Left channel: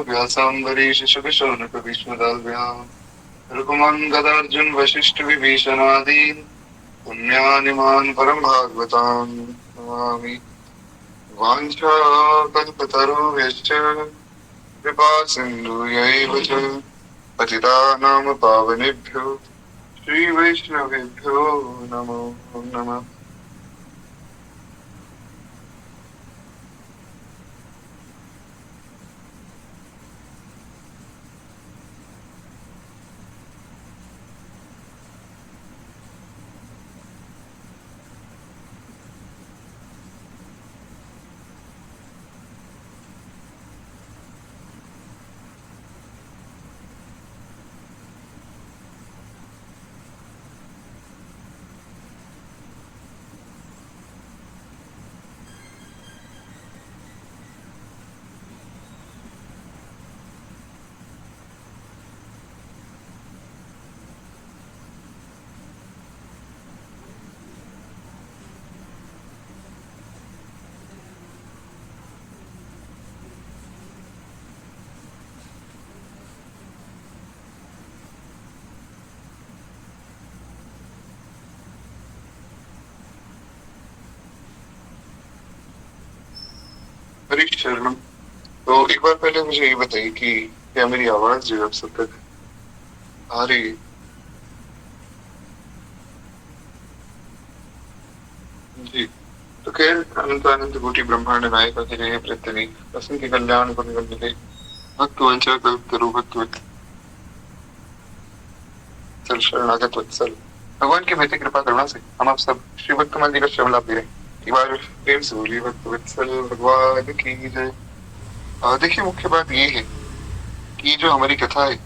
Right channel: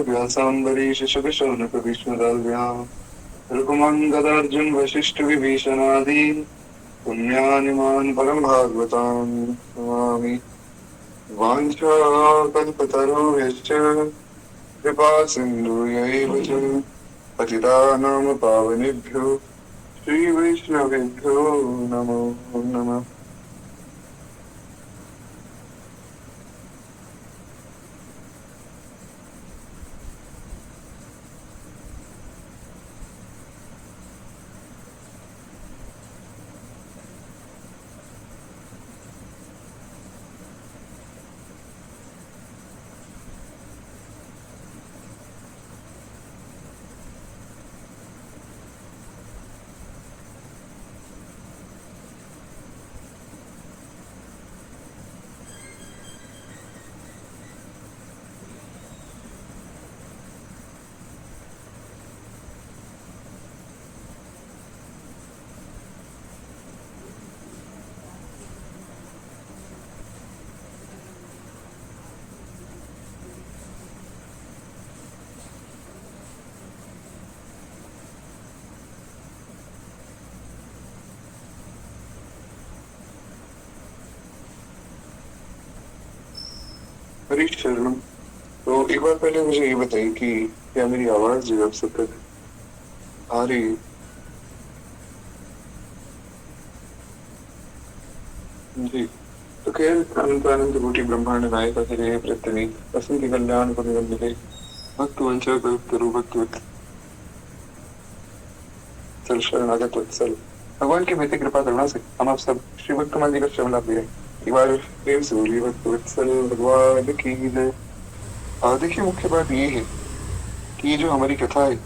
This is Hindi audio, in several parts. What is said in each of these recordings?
व्यासाम्बरीश शुकशौनक भीष्मदाल्भ्याम् ऋकुमङ्गदार्जुन वशिष्ठ विभीषणादीन् पुण्यानिमान् परम भागवतान् नमामि। वाञ्छाकल्पतरुभ्यश्च कृपा सिन्धुभ्यैव च पतितानां पावनेभ्यो श्रीवैष्णवेभ्यो नमो नमः। हरी शरणम। तो एक बार पहले मुझे ये बताइए कि क्या मेरी आवाज जो है अब सब तक आ रही है? जी। तो खैर अनंत अनंत कोटि ब्रह्मांड नायक अखिलेश प्रत्यनि असंख्य कल्याण गुण निधे भक्त वंश कल्पतरु भक्त वत्सल शरणागत वत्सल भगवान की बेहतर कृपा करुणा से हम आप सब श्री भक्तमान जी का श्रवण लाभ दे रहे हैं। एक बार प्रेम से बोलिए भक्त वत्सल भगवान की जय। देखिए मुख्य बात ये है कि जो हमारी कथा है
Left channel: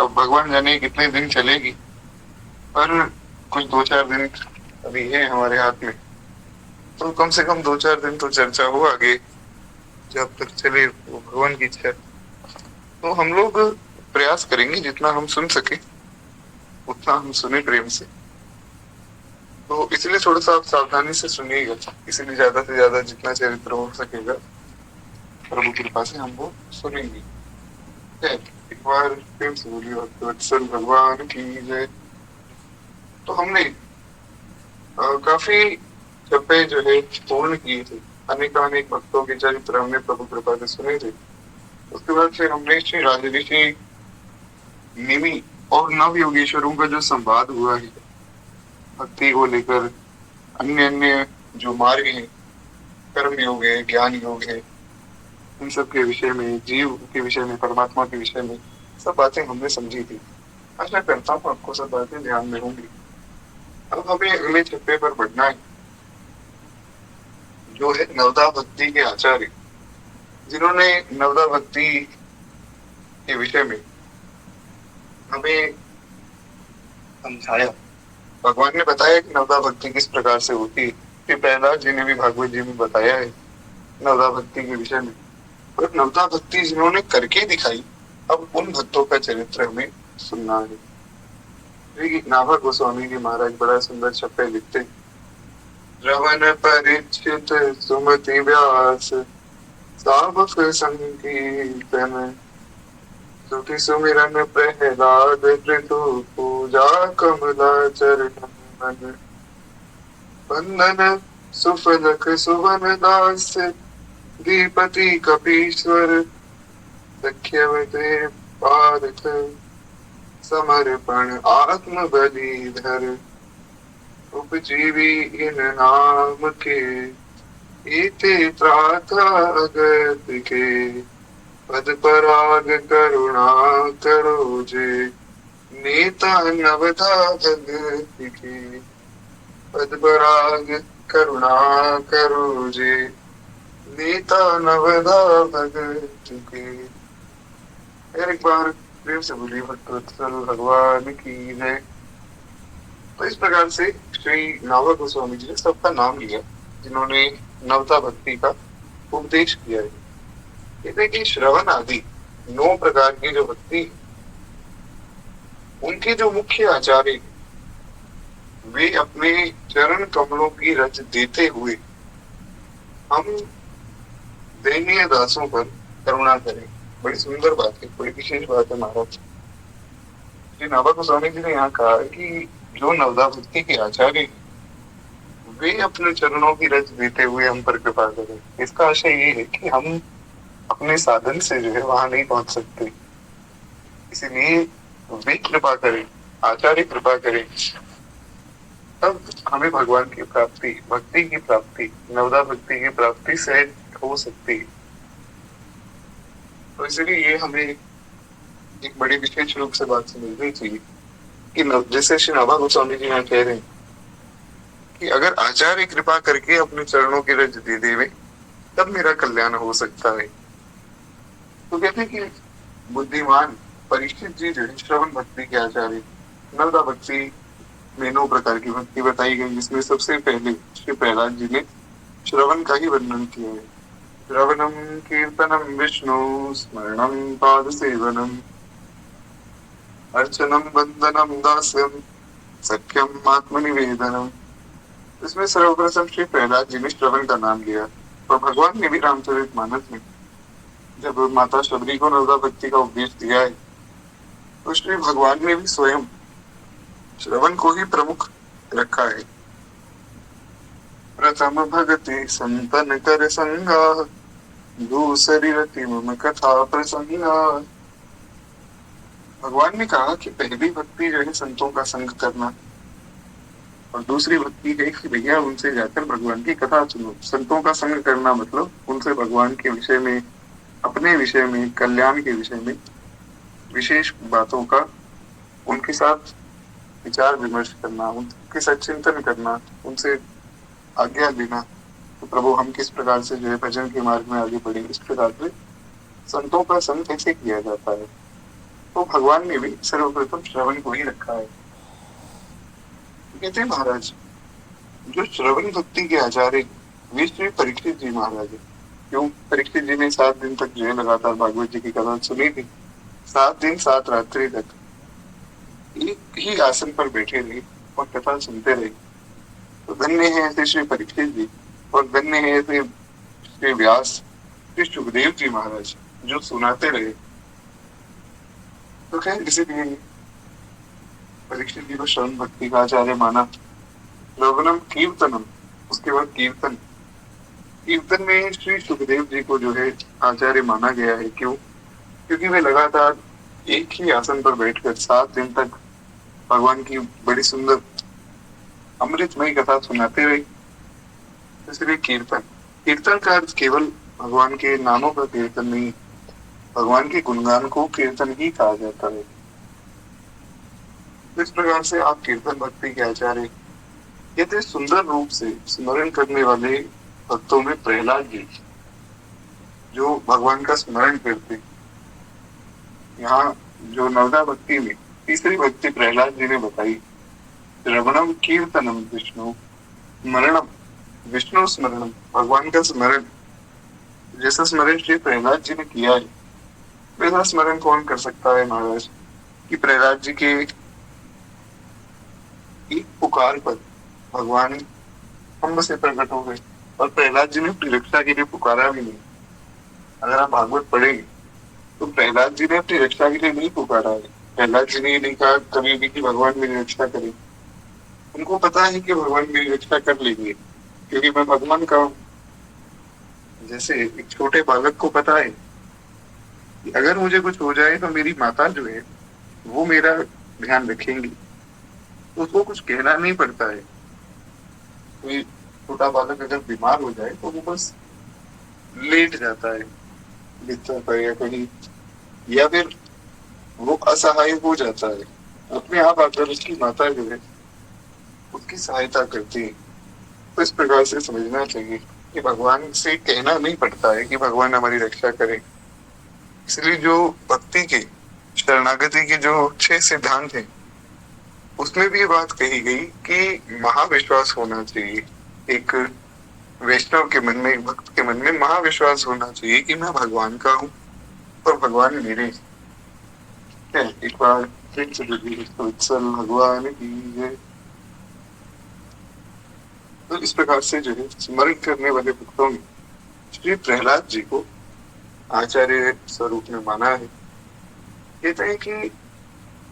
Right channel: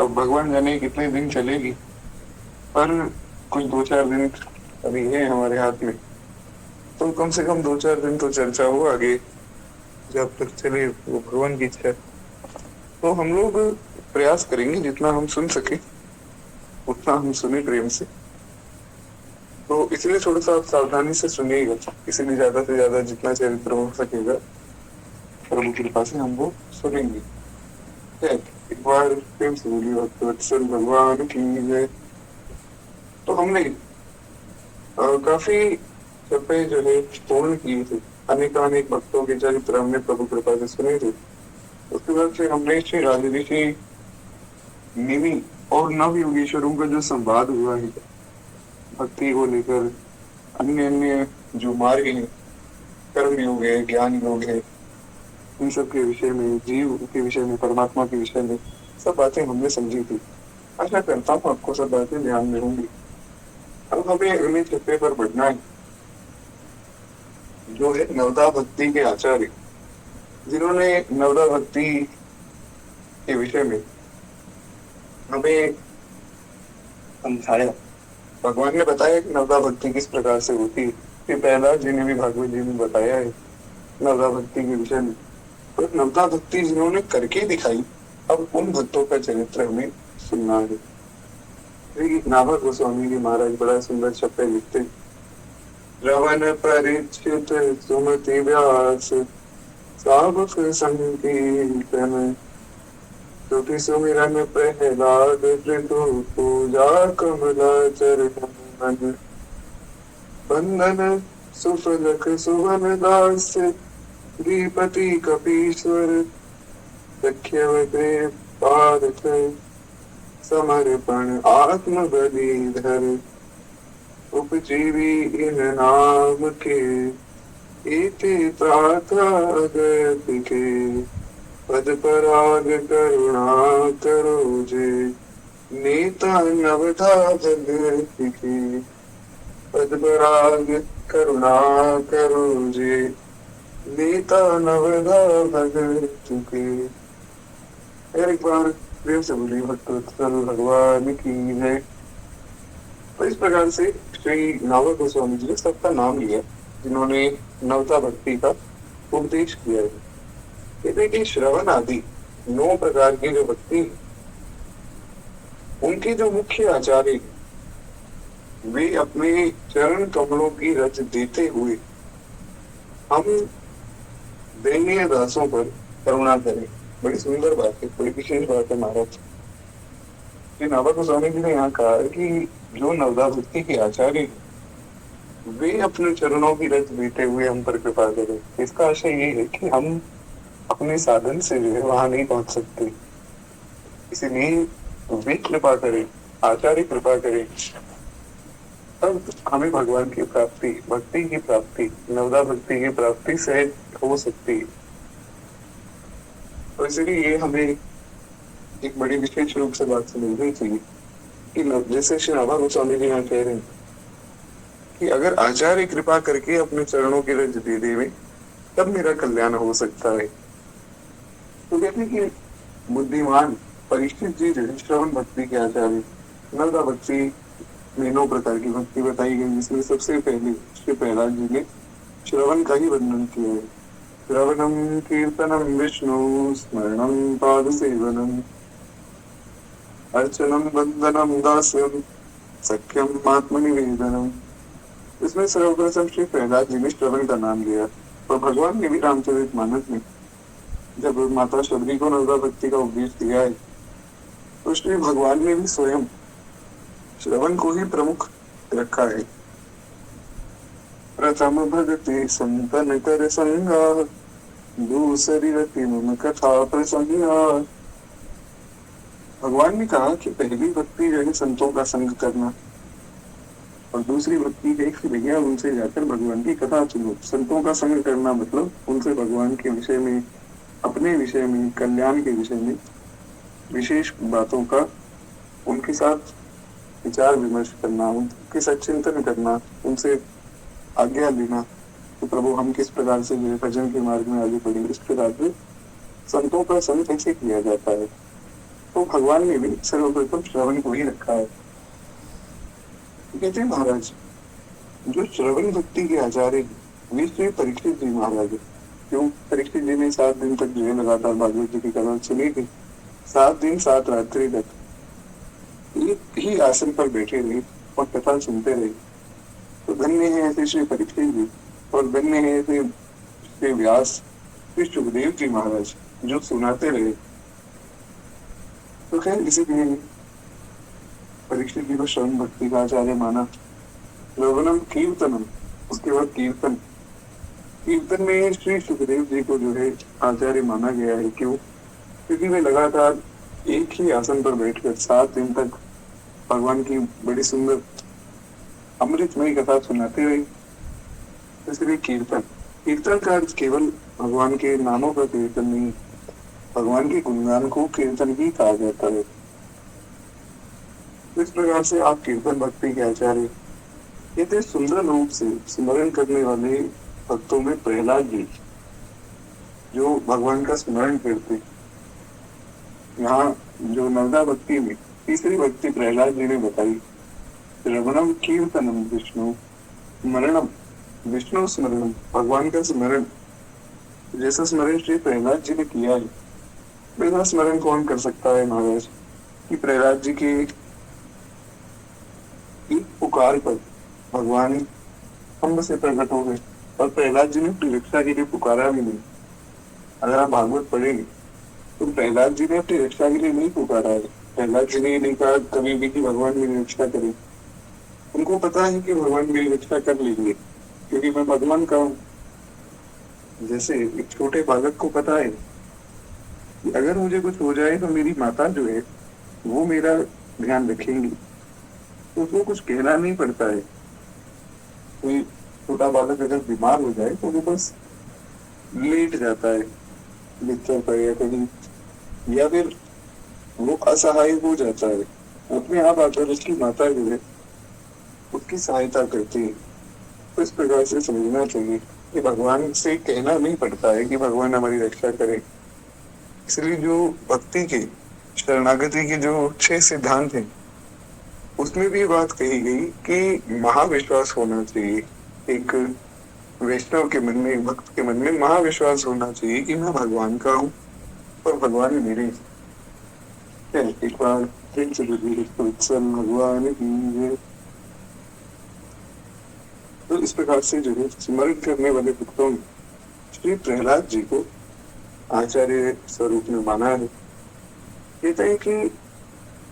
अब भगवान जाने कितने दिन चलेगी, पर कुछ 2-4 दिन अभी है हमारे हाथ में, तो कम से कम 2-4 दिन तो चर्चा हो आगे, जब तक चले वो भगवान की इच्छा। तो हम लोग प्रयास करेंगे जितना हम सुन सके उतना हम सुने प्रेम से। तो इसलिए थोड़ा सा आप सावधानी से सुनिएगा, इसीलिए ज्यादा से ज्यादा जितना चरित्र हो सकेगा प्रभु की कृपा से हम वो सुनेंगे। एक बार प्रेम से बोलिए वत्सल भगवान की जय। तो हमने काफी छपे जो है पूर्ण किए थे, अनेक भक्तों के चरित्र हमने प्रभु कृपा से सुने थे। उसके बाद फिर हमने श्री राजऋषि निमि और नव योगेश्वरों का जो संवाद हुआ है भक्ति को लेकर, अन्य अन्य जो मार्ग है, कर्म योग है, ज्ञान योग है, इन सब के विषय में, जीव के विषय में, परमात्मा के विषय में सब बातें हमने समझी थी। आशा करता हूँ आपको सब बातें ध्यान में होंगी। अब हमें अगले छप्पे पर बढ़ना है, जो है नवदा भक्ति के आचार्य, जिन्होंने नवदा भक्ति के विषय में हमें समझाया। भगवान ने बताया कि नवदा भक्ति किस प्रकार से होती है, कि प्रहलाद जी ने भी भागवत जी में बताया है नवदा भक्ति के विषय में। और नवदा भक्ति जिन्होंने करके दिखाई, अब उन भक्तों का चरित्र हमें सुनना है। नाभा गोस्वामी जी महाराज बड़ा सुंदर छप्पे लिखते, रवन परीक्षित सुमति व्यास सावक संकीर्तन सुखी सुमिरन प्रहलाद कृतु पूजा कमला चरण मन बंदन सुफलक सुवन दास दीपति कपीश्वर सख्यवते पारथ समर्पण आत्म बलिधर उपजीवी इन नाम के इति त्राता अगत के पद पराग करुणा करो जे नेता नवधा भगत के पद पराग करुणा करो जे नेता नवधा भगत के। एक बार प्रेम से बोलिए भक्त वत्सल भगवान की जय। तो इस प्रकार से श्री नाभा गोस्वामी जी ने सबका नाम लिया जिन्होंने नवता भक्ति का उपदेश किया है। कहते कि श्रवण आदि 9 प्रकार की जो भक्ति है, उनके जो मुख्य आचार्य वे अपने चरण कमलों की रच देते हुए हम दैनीय दासों पर करुणा करें, बड़ी सुंदर बात है, बड़ी विशेष बात है महाराज। श्री नाभा गोस्वामी जी ने यहाँ कहा है कि जो नवदा भक्ति के आचार्य हैं, वे अपने चरणों की रज देते हुए हम पर कृपा करें। इसका आशय ये है कि हम अपने साधन से जो है वहां नहीं पहुंच सकते, इसीलिए वे कृपा करें, आचार्य कृपा करें, तब हमें भगवान की प्राप्ति, भक्ति की प्राप्ति, नवदा भक्ति की प्राप्ति सहज हो सकती है। तो इसलिए ये हमें एक बड़ी विशेष रूप से बात समझनी चाहिए कि जैसे श्री नाभा गोस्वामी जी यहाँ कह रहे हैं कि अगर आचार्य कृपा करके अपने चरणों की रज दे देवे तब मेरा कल्याण हो सकता है। तो कहते हैं कि बुद्धिमान परीक्षित जी जो है श्रवण भक्ति के आचार्य, नवदा भक्ति में 9 प्रकार की भक्ति बताई गई, जिसमें सबसे पहले श्री प्रहलाद जी ने श्रवण का ही वर्णन किया है। श्रवणम कीर्तनम विष्णु स्मरणम पाद सेवनम अर्चनम वंदनम दास्यम सख्यम आत्मनिवेदनम। इसमें सर्वप्रथम श्री प्रहलाद जी ने श्रवण का नाम लिया, और भगवान ने भी रामचरितमानस में जब माता शबरी को नवदा भक्ति का उपदेश दिया है, तो श्री भगवान ने भी स्वयं श्रवण को ही प्रमुख रखा है। प्रथम भगति संतन कर संगा, दूसरी रति मम कथा प्रसंगा। भगवान ने कहा कि पहली भक्ति जो है संतों का संग करना, और दूसरी भक्ति है कि भैया उनसे जाकर भगवान की कथा सुनो। संतों का संग करना मतलब उनसे भगवान के विषय में, अपने विषय में, कल्याण के विषय में विशेष बातों का उनके साथ विचार विमर्श करना, उनके साथ चिंतन करना, उनसे आज्ञा लेना, तो प्रभु हम किस प्रकार से जो है भजन के मार्ग में आगे बढ़े, इस प्रकार से संतों का संग कैसे किया जाता है। तो भगवान ने भी सर्वप्रथम श्रवण को ही रखा है। कहते हैं महाराज जो श्रवण भक्ति के आचार्य वे श्री परीक्षित जी महाराज है। क्यों? परीक्षित जी ने 7 दिन तक जो है लगातार भागवत जी की कथा सुनी थी। 7 दिन 7 रात्रि तक एक ही आसन पर बैठे रहे और कथा सुनते रहे। तो धन्य है ऐसे श्री परीक्षित जी, और धन्य है ऐसे श्री व्यास, श्री सुखदेव जी महाराज जो सुनाते रहे। तो खैर इसीलिए परीक्षित जी को श्रवण भक्ति का आचार्य माना। श्रवणम कीर्तनम, उसके बाद कीर्तन, कीर्तन में श्री सुखदेव जी को जो है आचार्य माना गया है। क्यों? क्योंकि वे लगातार एक ही आसन पर बैठकर 7 दिन तक भगवान की बड़ी सुंदर अमृतमयी कथा सुनाते रहे। इसलिए कीर्तन, कीर्तन का अर्थ केवल भगवान के नामों का कीर्तन नहीं, भगवान के गुणगान को कीर्तन ही कहा जाता है। इस प्रकार से आप कीर्तन भक्ति के आचार्य। कहते सुंदर रूप से स्मरण करने वाले भक्तों में प्रहलाद जी जो भगवान का स्मरण करते। यहाँ जो नवदा भक्ति में तीसरी भक्ति प्रहलाद जी ने बताई, श्रवणम कीर्तनम विष्णु स्मरणम, विष्णु स्मरणम, भगवान का स्मरण। जैसा स्मरण श्री प्रहलाद जी ने किया है वैसा स्मरण कौन कर सकता है महाराज? कि प्रहलाद जी के एक पुकार पर भगवान हम से प्रकट हो गए, और प्रहलाद जी ने अपनी रक्षा के लिए पुकारा भी नहीं। अगर आप भागवत पढ़ेंगे तो प्रहलाद जी ने अपनी रक्षा के लिए नहीं पुकारा है। प्रहलाद जी ने ये नहीं कहा कभी भी कि भगवान मेरी रक्षा करे। उनको पता है कि भगवान मेरी रक्षा कर लेंगे क्योंकि मैं भगवान का हूँ। जैसे एक छोटे बालक को पता है कि अगर मुझे कुछ हो जाए तो मेरी माता जो है वो मेरा ध्यान रखेंगी, तो उसको कुछ कहना नहीं पड़ता है। कोई छोटा बालक अगर बीमार हो जाए तो वो बस लेट जाता है बिस्तर पर या कहीं, या फिर वो असहाय हो जाता है, अपने आप आकर उसकी माता जो है उसकी सहायता करती है। तो इस प्रकार से समझना चाहिए कि भगवान से कहना नहीं पड़ता है कि भगवान हमारी रक्षा करे। इसलिए जो भक्ति के, शरणागति के जो 6 सिद्धांत हैं उसमें भी ये बात कही गई कि महाविश्वास होना चाहिए। एक वैष्णव के मन में, एक भक्त के मन में महाविश्वास होना चाहिए कि मैं भगवान का हूँ और भगवान मेरे। एक बार भगवान की जय। तो इस प्रकार से जो है स्मरण करने वाले भक्तों में श्री प्रहलाद जी को आचार्य स्वरूप में माना है। कहते हैं कि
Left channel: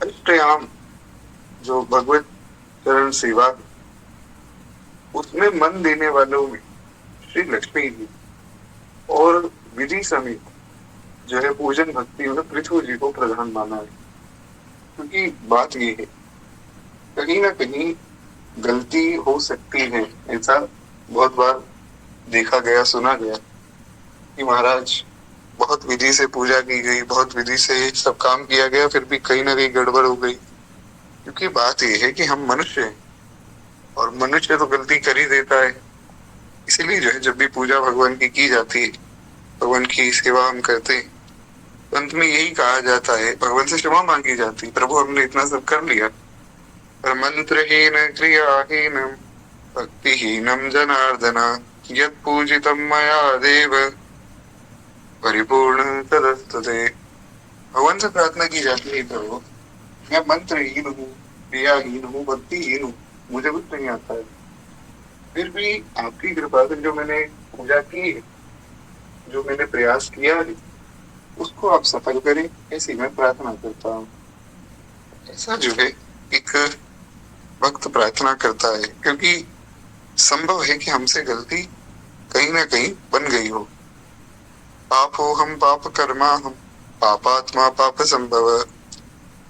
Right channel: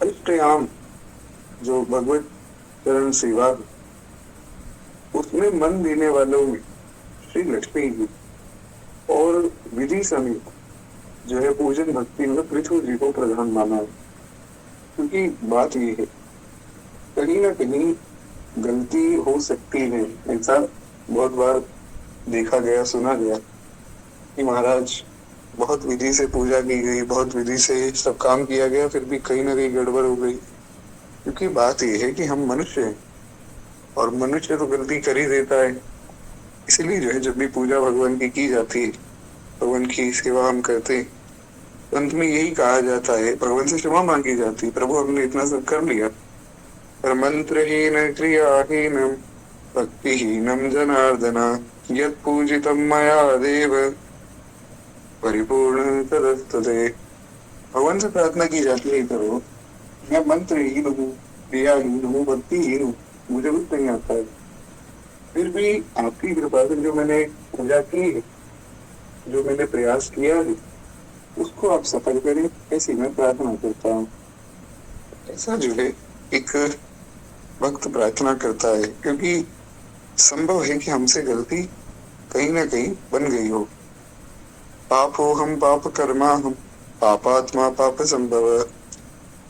अष्टयाम जो भगवत चरण सेवा है, उसमें मन देने वालों में श्री लक्ष्मी जी और विधि समेत जो है पूजन भक्ति में पृथ्वी जी को प्रधान माना है। क्योंकि बात ये है, कहीं ना कहीं गलती हो सकती है। ऐसा बहुत बार देखा गया, सुना गया कि महाराज बहुत विधि से पूजा की गई, बहुत विधि से सब काम किया गया, फिर भी कहीं ना कहीं गड़बड़ हो गई। क्योंकि बात ये है कि हम मनुष्य हैं और मनुष्य तो गलती कर ही देता है। इसीलिए जो है जब भी पूजा भगवान की जाती है, भगवान की सेवा हम करते हैं, तो अंत में यही कहा जाता है, भगवान से क्षमा मांगी जाती है, प्रभु हमने इतना सब कर लिया, पर मंत्रहीन क्रियाहीन भक्तिहीनम जनार्दन यत् पूजितम मया देव परिपूर्ण तदस्तुते। भगवान से प्रार्थना की जाती है, प्रभु मैं मंत्रहीन हूँ, क्रियाहीन हूँ, भक्तिहीन हूँ, मुझे कुछ नहीं आता है, फिर भी आपकी कृपा से जो मैंने पूजा की है, जो मैंने प्रयास किया है, उसको आप सफल करें, ऐसी मैं प्रार्थना करता हूँ। ऐसा जो है एक भक्त प्रार्थना करता है, क्योंकि संभव है कि हमसे गलती कहीं ना कहीं बन गई हो। पापो हम पाप कर्मा हम पापात्मा पाप संभव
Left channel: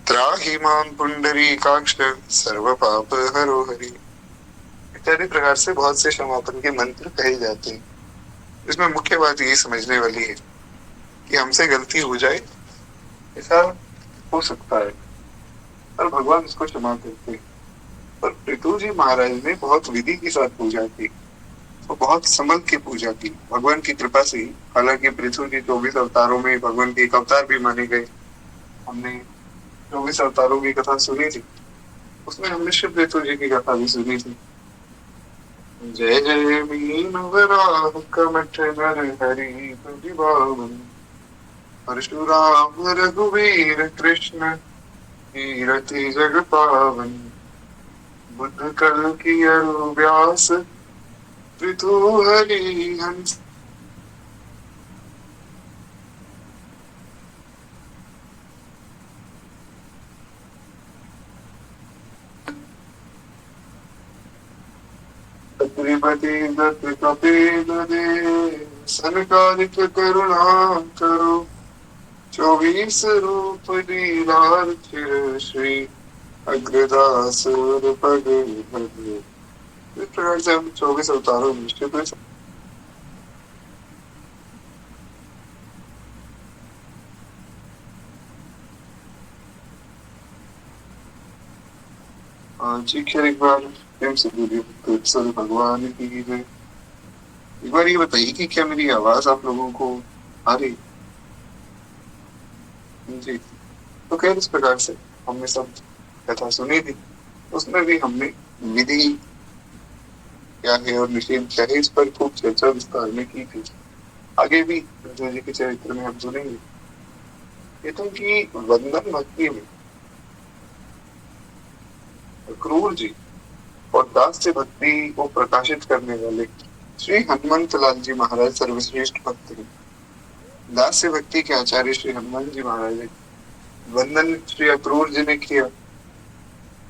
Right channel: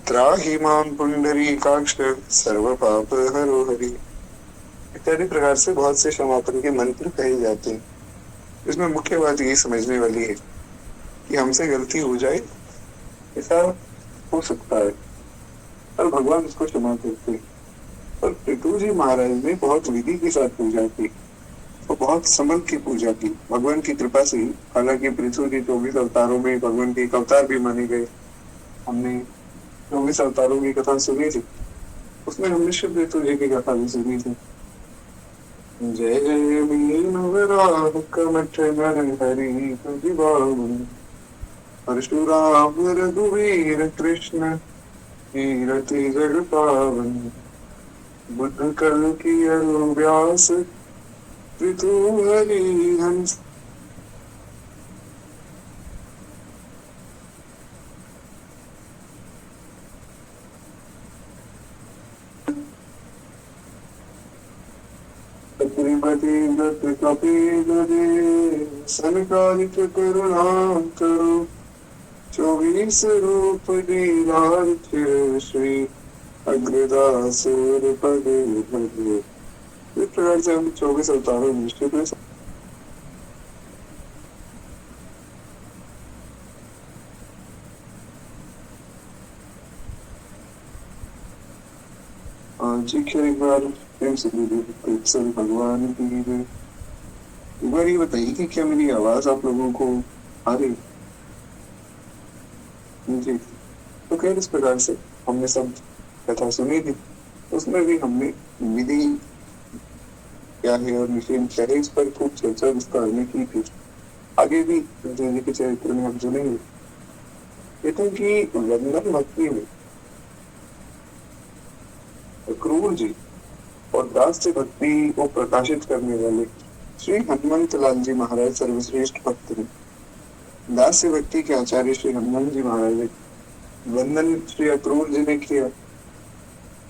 त्राहि मां पुंडरीकाक्ष सर्व पाप हरो हरि इत्यादि प्रकार से बहुत से क्षमापन के मंत्र कहे जाते हैं। इसमें मुख्य बात यही समझने वाली है कि हमसे गलती हो जाए, ऐसा हो सकता है, और भगवान उसको क्षमा करते हैं। और पृथु जी महाराज ने बहुत विधि के साथ पूजा की, तो बहुत संभल के पूजा की भगवान की कृपा से ही। हालांकि पृथु जी 24 अवतारों में भगवान के एक अवतार भी माने गए। हमने 24 अवतारों की कथा सुनी थी, उसमें हमने शिव पृथु जी की कथा भी सुनी थी। जय जय मीन वराह कमठ नर हरि तुझ बावन परशुराम रघुवीर कृष्ण कीरति जग पावन बुद्ध कल की अरु व्यास पृथु हरि हंस। त्रिपति दत्त कपिल देव सनकादिक करुणा करो 24 रूप लीलार चिर श्री अग्रदास पग भगे। इस प्रकार से हम 24 अवतारों में जी खैर एक बार प्रेम से भगवान की जय। एक बार ये बताइए कि क्या मेरी आवाज आप लोगों को आ रही? जी, तो खैर इस प्रकार से हमने सब कथा सुनी थी, उसमें भी हमने विधि क्या है और निषेध क्या है इस पर खूब चर्चा विस्तार में की थी। आगे भी जी के चरित्र में हम सुनेंगे। कहते हैं कि वंदन भक्ति में क्रूर जी और दास से भक्ति को प्रकाशित करने वाले श्री हनुमंत लाल जी महाराज सर्वश्रेष्ठ भक्त हैं। दास से भक्ति के आचार्य श्री हनुमान जी महाराज, वंदन श्री अक्रूर जी ने किया।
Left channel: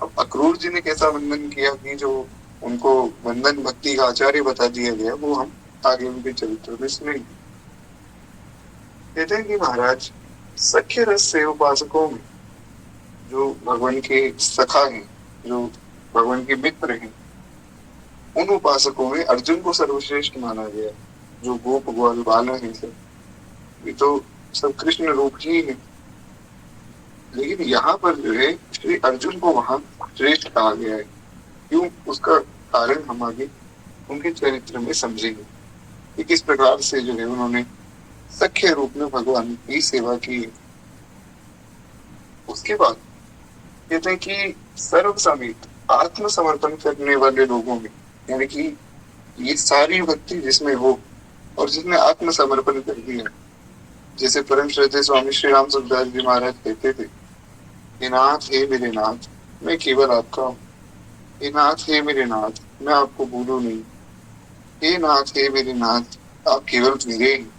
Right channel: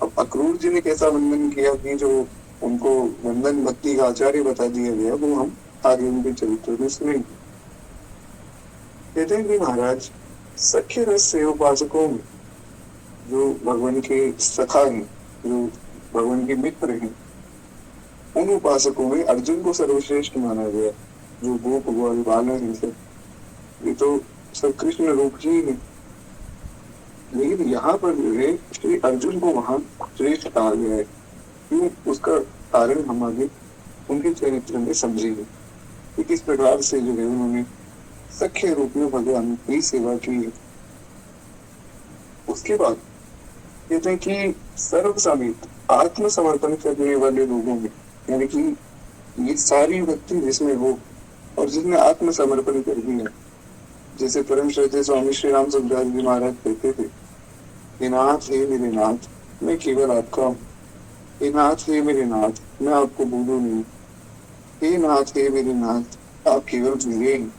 अब अक्रूर जी ने कैसा वंदन किया कि जो उनको वंदन भक्ति का आचार्य बता दिया गया, वो हम आगे उनके चरित्र में सुनेंगे। कहते हैं कि महाराज सख्य रस से उपासकों में जो भगवान के सखा हैं, जो भगवान के मित्र हैं, उन उपासकों में अर्जुन को सर्वश्रेष्ठ माना गया। जो गोप ग्वाल बाला है सब, ये तो सब कृष्ण रूप ही है, लेकिन यहाँ पर जो है श्री अर्जुन को वहां श्रेष्ठ कहा गया है। क्यों, उसका कारण हम आगे उनके चरित्र में समझेंगे कि किस प्रकार से जो है उन्होंने सख्य रूप में भगवान की सेवा की है। उसके बाद कहते हैं कि सर्व समेत आत्मसमर्पण करने वाले लोगों में, यानी कि ये सारी भक्ति जिसमें हो और जिसने आत्मसमर्पण कर दिया, जैसे परम श्रद्धेय स्वामी श्री राम सुखदास जी महाराज कहते थे, हे नाथ हे मेरे नाथ मैं केवल आपका हूँ, हे नाथ हे मेरे नाथ मैं आपको भूलूं नहीं, हे नाथ हे मेरे नाथ आप केवल मेरे हैं।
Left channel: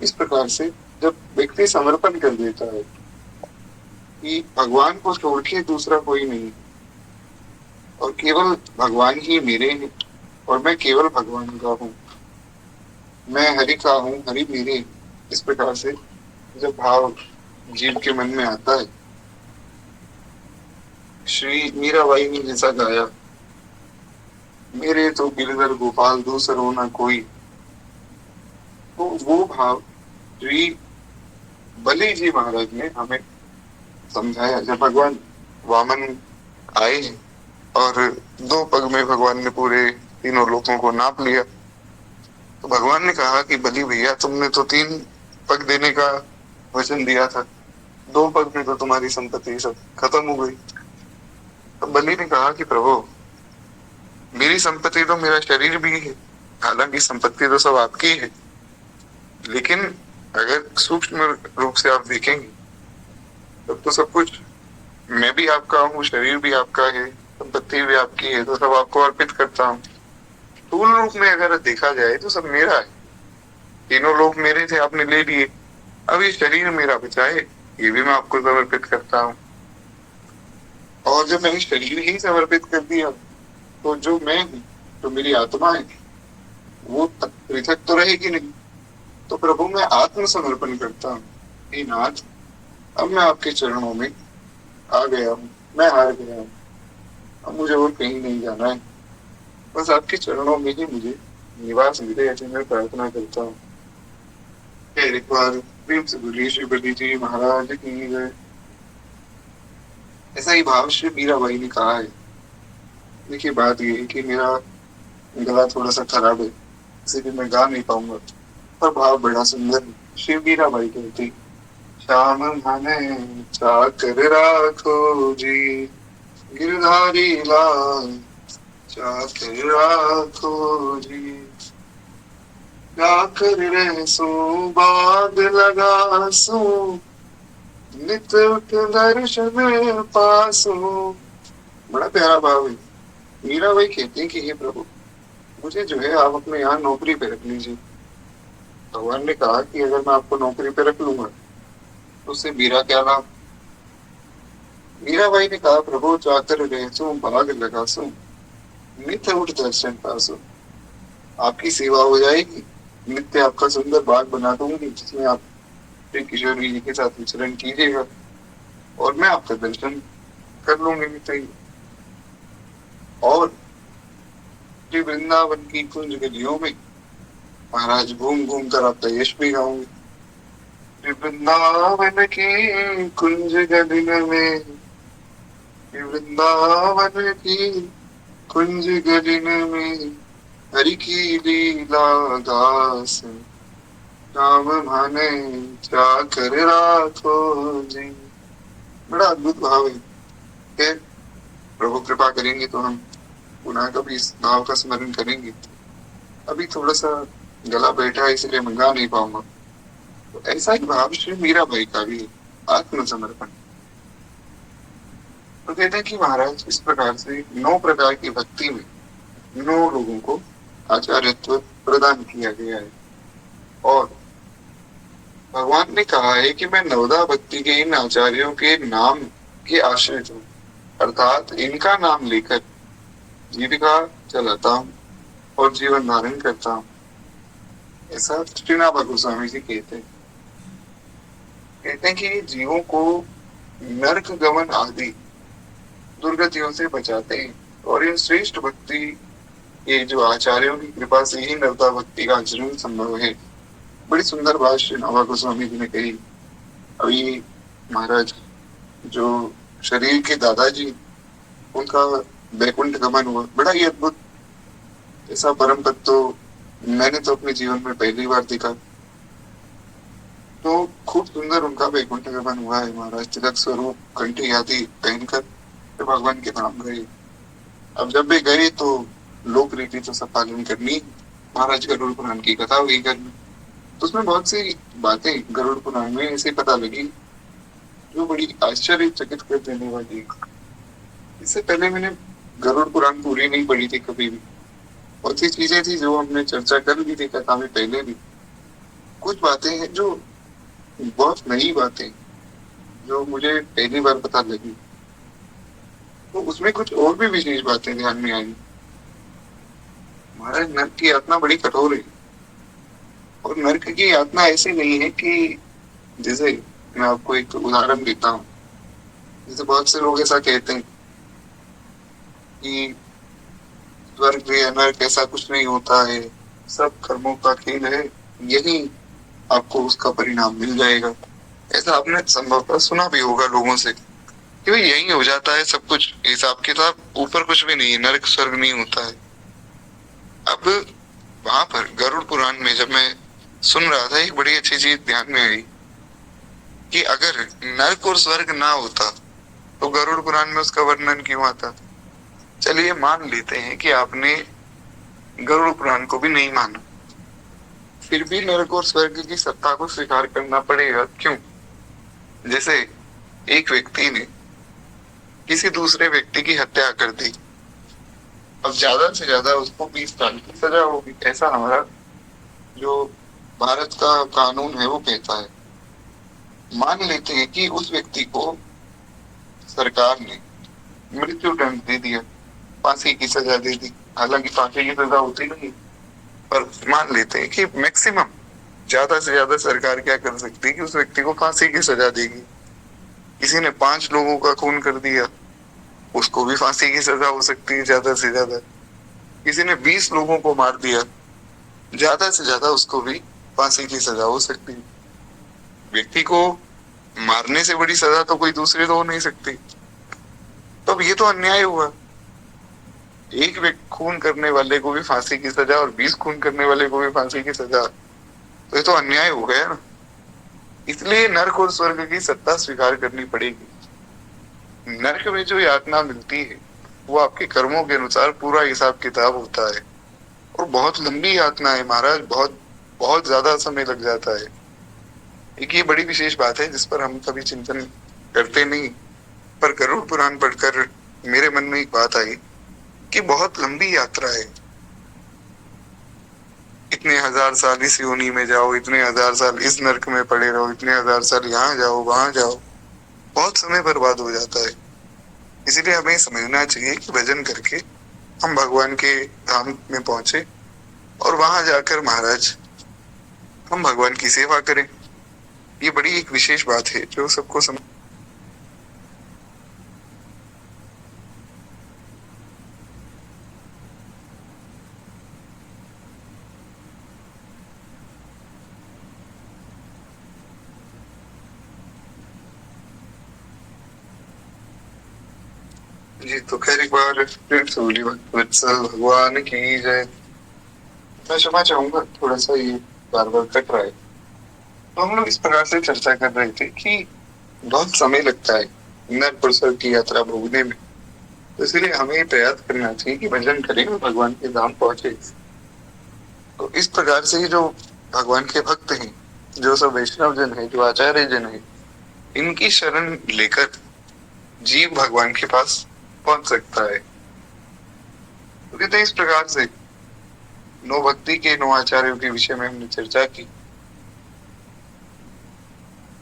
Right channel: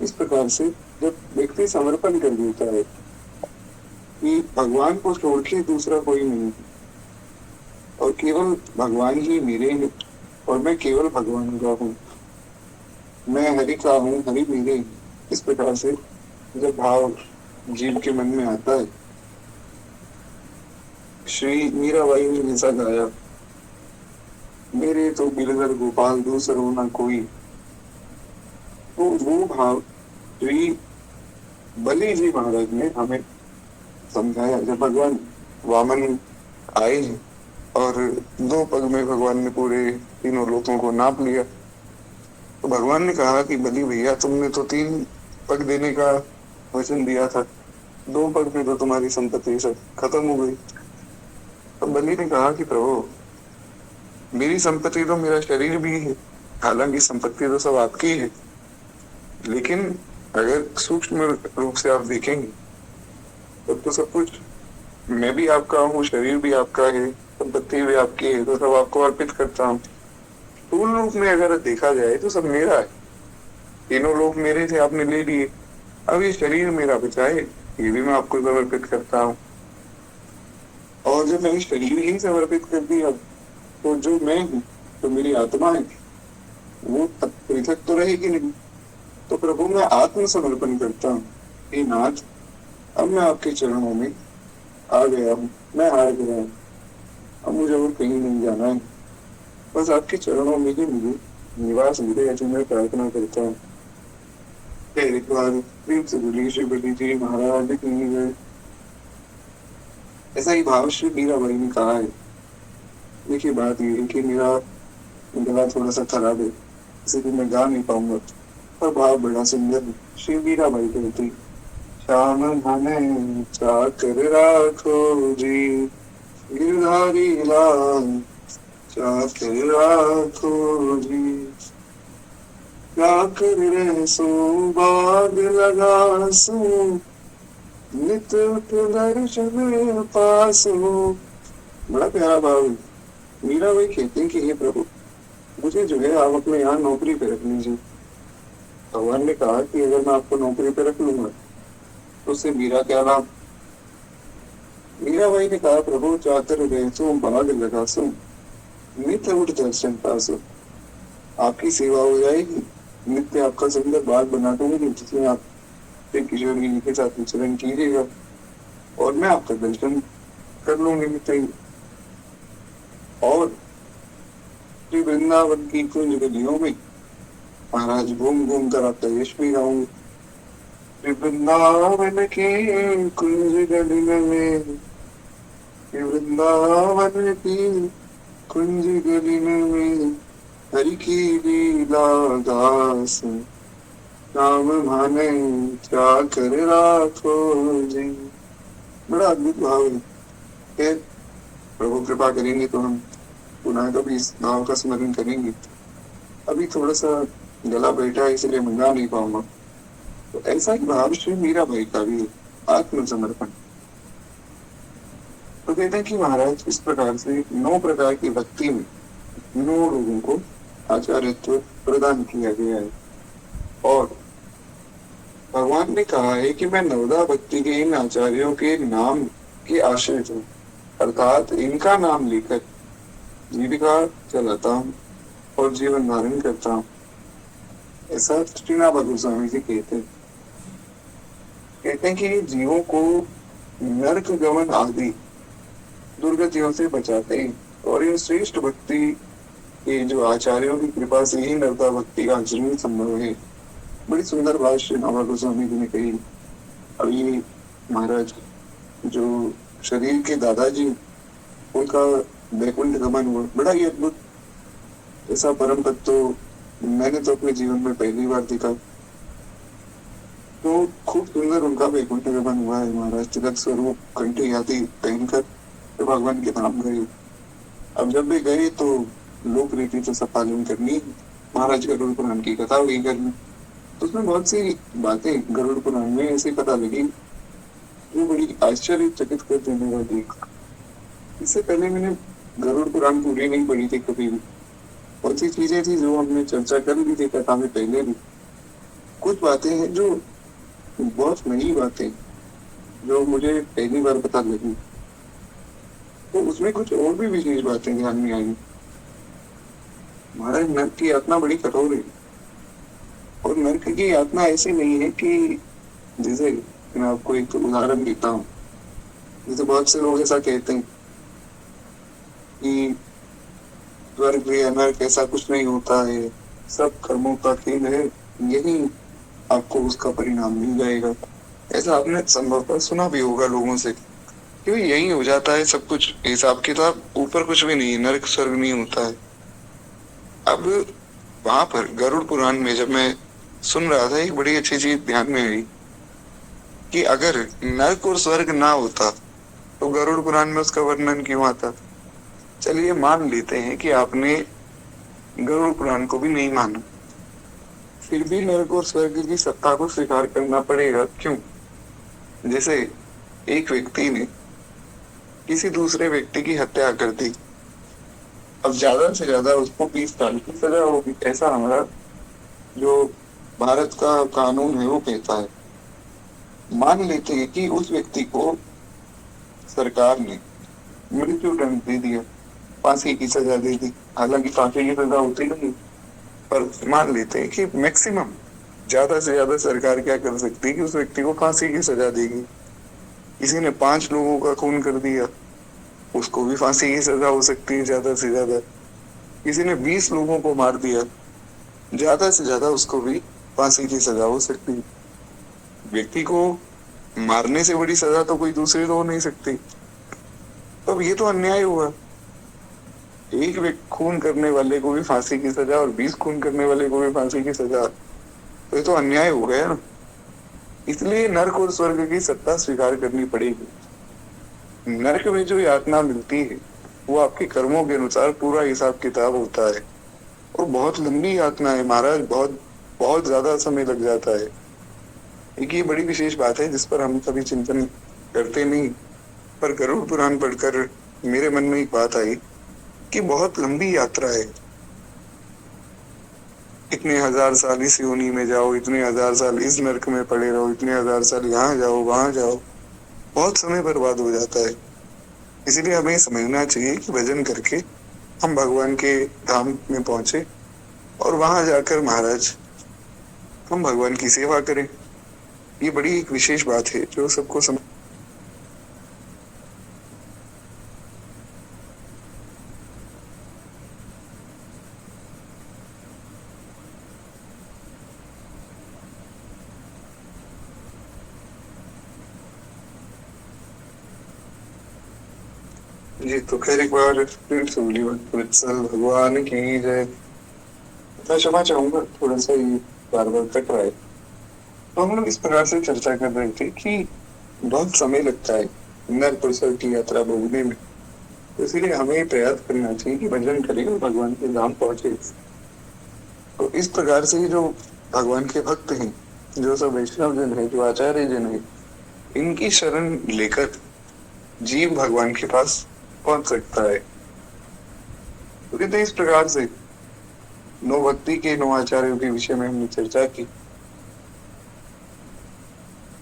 इस प्रकार से जब व्यक्ति समर्पण कर देता है कि भगवान को छोड़ के दूसरा कोई नहीं और केवल भगवान ही मेरे हैं और मैं केवल भगवान का हूँ, मैं हरि का हूँ, हरि मेरे, इस प्रकार से जब भाव जीव के मन में आता है, श्री मीराबाई ने जैसा गाया, मेरे तो गिरधर गोपाल दूसरो ना कोई, तो वो भाव श्री बलि जी महाराज ने हमें समझाया। जब भगवान वामन आए और 2 पग में भगवान ने पूरे तीनों लोकों को नाप लिया, तो भगवान ने कहा कि बलि भैया, तुमने तो 3 पग देने का वचन दिया था, 2 पग में तो तुम्हारी संपत्ति सब खत्म हो गई। तो बलि ने कहा कि प्रभु, मेरी संपत्ति तो मेरा शरीर भी है, हालांकि संपत्ति तो सब आपकी है, लेकिन अगर सूक्ष्म रूप से आप देखेंगे तब तो सब कुछ मैं भी आपका हूँ, शरीर भी आपका है, संपत्ति भी आपकी है, तो सब आपको अर्पित करता हूँ। स्थूल रूप में अगर देखा जाए तो सब मेरा है, तीनों लोग मेरे थे, आपने ले लिए, अब ये शरीर मेरा बचा है, ये भी मैं आपको समर्पित करता हूँ। और जब मैंने शरीर ही समर्पित कर दिया तो जो मैं हूँ, जो मेरी आत्मा है, वो पृथक तो रहेगी नहीं। तो प्रभु मैं आत्मसमर्पण करता हूँ, हे नाथ, अब मैं आपके चरणों में आ गया हूँ, मैं हार गया हूँ, अब मुझे और कहीं नहीं जाना है, बस आपके चरणों में ही मुझे निवास मिले, ऐसी मैं प्रार्थना करता हूँ। एक बार प्रेम से बोलिए श्री बलि जी महाराज की जय। ऐसा ही भाव श्री मीराबाई ने कहा है। देखिए बात ये है कि मेरा गला थोड़ा सा खराब है, इसीलिए मैं गा नहीं पाऊंगा, पर भाव बड़ा सुंदर है। श्री मीराबाई कहती, श्याम मन चाकर राखो जी, गिरधारी लाल चाकर राखो जी, जाकर रहसो बाग लगासो, नित उठ दर्शन पासो। बड़ा प्यारा भाव है। मीराबाई कहती है कि हे प्रभु, मुझे जो है आप अपने यहाँ नौकरी पे रख लीजिए। भगवान ने कहा कि अगर मैं आपको नौकरी पे रख लूंगा तो उससे मेरा क्या लाभ। मीराबाई ने कहा, प्रभु चाकर रहसो बाग लगासो, नित उठ दर्शन पासो। आपकी सेवा हो जाएगी, नित्य आपका सुंदर बाग बना दूंगी, जिसमें आप श्री किशोर जी के साथ विचरण कीजिएगा और मैं आपका दर्शन कर लूंगी नित्य। और श्री वृंदावन की कुंज गलियों में महाराज घूम घूम कर आपका यश भी गाऊंगी। श्री वृंदावन की कुंज गलियों में, श्री वृंदावन की कुंज गलियों में, हरि की लीला दास, राम माने चाकर राखो जी। बड़ा अद्भुत भाव है। फिर प्रभु कृपा करेंगे तो हम पुनः कभी इस भाव का स्मरण करेंगे। अभी थोड़ा सा गला बैठा है, इसलिए मैं गा नहीं पाऊंगा। तो ऐसा ही भाव श्री मीराबाई का भी आत्मसमर्पण। तो कहते हैं कि महाराज इस प्रकार से 9 प्रकार की भक्ति में 9 लोगों को आचार्यत्व प्रदान किया गया है। और भगवान ने कहा है कि मैं नवदा भक्ति के इन आचार्यों के नाम के आश्रित हूँ, अर्थात इनका नाम लेकर जीविका चलाता हूँ और जीवन धारण करता हूँ। ऐसा श्रीनाथ गोस्वामी जी कहते हैं कि जीवों को नरक गमन आदि दुर्गतियों से बचाते हैं और इन श्रेष्ठ भक्ति के जो आचार्यों की कृपा से ही नवदा भक्ति का आचरण संभव है। बड़ी सुंदर बात श्री नवा गोस्वामी जी ने कही। अभी महाराज जो शरीर के दादाजी, उनका वैकुंठ गमन हुआ, बड़ा ही अद्भुत। ऐसा परम पद तो मैंने तो अपने जीवन में पहली बार देखा। तो खूब सुंदर उनका वैकुंठ गमन हुआ है। महाराज तिलक स्वरूप कंठी आदि पहनकर तो भगवान के धाम गए। अब जब भी गए तो लोक रीति तो सब पालन करनी। महाराज गरुड़ पुराण की कथा हुई घर में, तो उसमें बहुत सी बातें गरुड़ पुराण में ऐसे पता लगी जो बड़ी आश्चर्यचकित कर देने वाली। इससे पहले मैंने गरुड़ पुराण पूरी नहीं पढ़ी थी कभी भी। बहुत सी चीजें थी जो हमने चर्चा कर ली थी कथा में पहले भी। कुछ बातें हैं जो बहुत नई बातें जो मुझे पहली बार पता लगी, तो उसमें कुछ और भी विशेष बातें ध्यान में आई। महाराज, नर्क की यातना बड़ी कठोर है। और नर्क की यातना ऐसी नहीं है कि, जैसे मैं आपको एक उदाहरण देता हूँ। जैसे बहुत से लोग ऐसा कहते हैं कि स्वर्ग या नर्क ऐसा कुछ नहीं होता है, सब कर्मों का खेल है, यही आपको उसका परिणाम मिल जाएगा। ऐसा आपने संभवतः सुना भी होगा लोगों से कि भाई यही हो जाता है सब कुछ, हिसाब किताब, ऊपर कुछ भी नहीं है, नर्क स्वर्ग नहीं होता है। अब वहां पर गरुड़ पुराण में जब मैं सुन रहा था, एक बड़ी अच्छी चीज ध्यान में आई कि अगर नर्क और स्वर्ग ना होता तो गरुड़ पुराण में उसका वर्णन क्यों आता। चलिए मान लेते हैं कि आपने गरुड़ पुराण को भी नहीं माना, फिर भी नरक और स्वर्ग की सत्ता को स्वीकार करना पड़ेगा। क्यों? जैसे एक व्यक्ति ने किसी दूसरे व्यक्ति की हत्या कर दी, अब ज्यादा से ज्यादा उसको 20 साल की सजा होगी, ऐसा हमारा जो भारत का कानून है वो कहता है। मान लेते हैं कि उस व्यक्ति को सरकार ने मृत्यु दंड दे दिया, फांसी की सजा दे दी। हालांकि फांसी की सजा होती नहीं, पर मान लेते हैं कि मैक्सिमम, ज्यादा से ज्यादा सरकार क्या कर सकती है कि उस व्यक्ति को फांसी की सजा देगी। किसी ने 5 लोगों का खून कर दिया, उसको भी फांसी की सजा हो सकती है ज्यादा से ज्यादा। किसी ने 20 लोगों को मार दिया, ज्यादा से ज्यादा उसको भी फांसी की सजा हो सकती है। व्यक्ति को मारने से बड़ी सजा तो कोई दूसरी तो हो नहीं सकती। तो अब ये तो अन्याय हुआ, एक व्यक्ति खून करने वाले को भी फांसी की सजा और 20 खून करने वाले को भी फांसी की सजा, तो ये तो अन्याय हो गया ना। इसलिए नर्क और स्वर्ग की सत्ता स्वीकार करनी पड़ेगी। नर्क में जो यातना मिलती है वो आपके कर्मों के अनुसार पूरा हिसाब किताब होता है, और बहुत लंबी यातना है महाराज, बहुत बहुत ज्यादा समय लग जाता है। एक ये बड़ी विशेष बात है जिस पर हम कभी चिंतन करते नहीं, पर गरुड़ पुराण पढ़कर मेरे मन में एक बात आई कि बहुत लंबी यात्रा है। इतने हजार साल इस योनि में जाओ, इतने हजार साल इस नर्क में पड़े रहो, इतने हजार साल यहाँ जाओ वहां जाओ, बहुत समय बर्बाद हो जाता है। इसलिए हमें समझना चाहिए कि भजन करके हम भगवान के धाम में पहुंचे और वहां जाकर महाराज हम भगवान की सेवा करें। ये बड़ी एक विशेष बात है जो सबको समझ। जी तो खैर एक बार फिर से बोली वत्सल भगवान की जय। मैं क्षमा चाहूंगा, थोड़ा सा ये बार बार कट रहा है। तो हम लोग इस प्रकार से चर्चा कर रहे थे कि बहुत समय लगता है नर पुरुषों की यात्रा भोगने में, तो इसलिए हमें प्रयास करना चाहिए कि भजन करें और भगवान के धाम पहुंचे। तो इस प्रकार से जो भगवान के भक्त हैं, जो सब वैष्णव जन है, जो आचार्य जन है, इनकी शरण लेकर जीव भगवान के पास पहुंच सकता है। तो कहते हैं इस प्रकार से 9 भक्ति के 9 आचार्यों के विषय में हमने चर्चा की।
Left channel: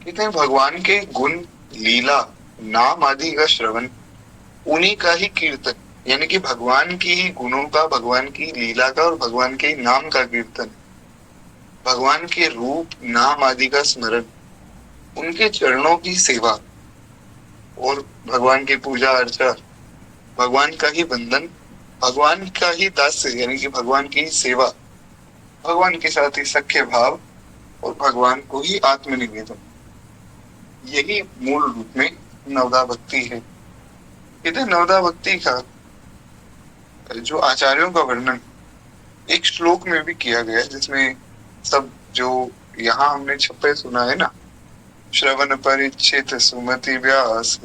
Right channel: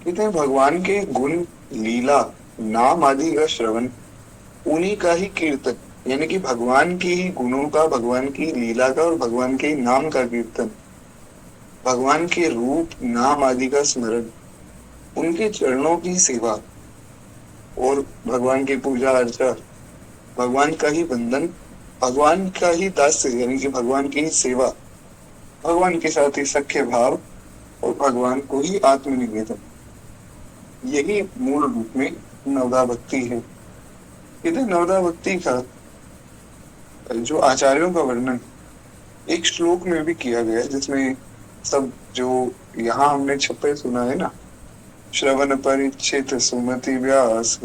कहते हैं भगवान के गुण, लीला, नाम आदि का श्रवण, उन्हीं का ही कीर्तन, यानी कि भगवान की ही गुणों का, भगवान की लीला का और भगवान के नाम का कीर्तन, भगवान के रूप नाम आदि का स्मरण, उनके चरणों की सेवा और भगवान की पूजा अर्चा, भगवान का ही बंधन, भगवान का ही दास्य यानी कि भगवान की सेवा, भगवान के साथ ही सख्य भाव और भगवान को ही आत्मनिवेदन, यही मूल रूप में नवदा भक्ति है। कहते नवदा भक्ति का जो आचार्यों का वर्णन एक श्लोक में भी किया गया है, जिसमें सब जो यहाँ हमने छपे सुना है ना, श्रवण परिचित सुमति व्यास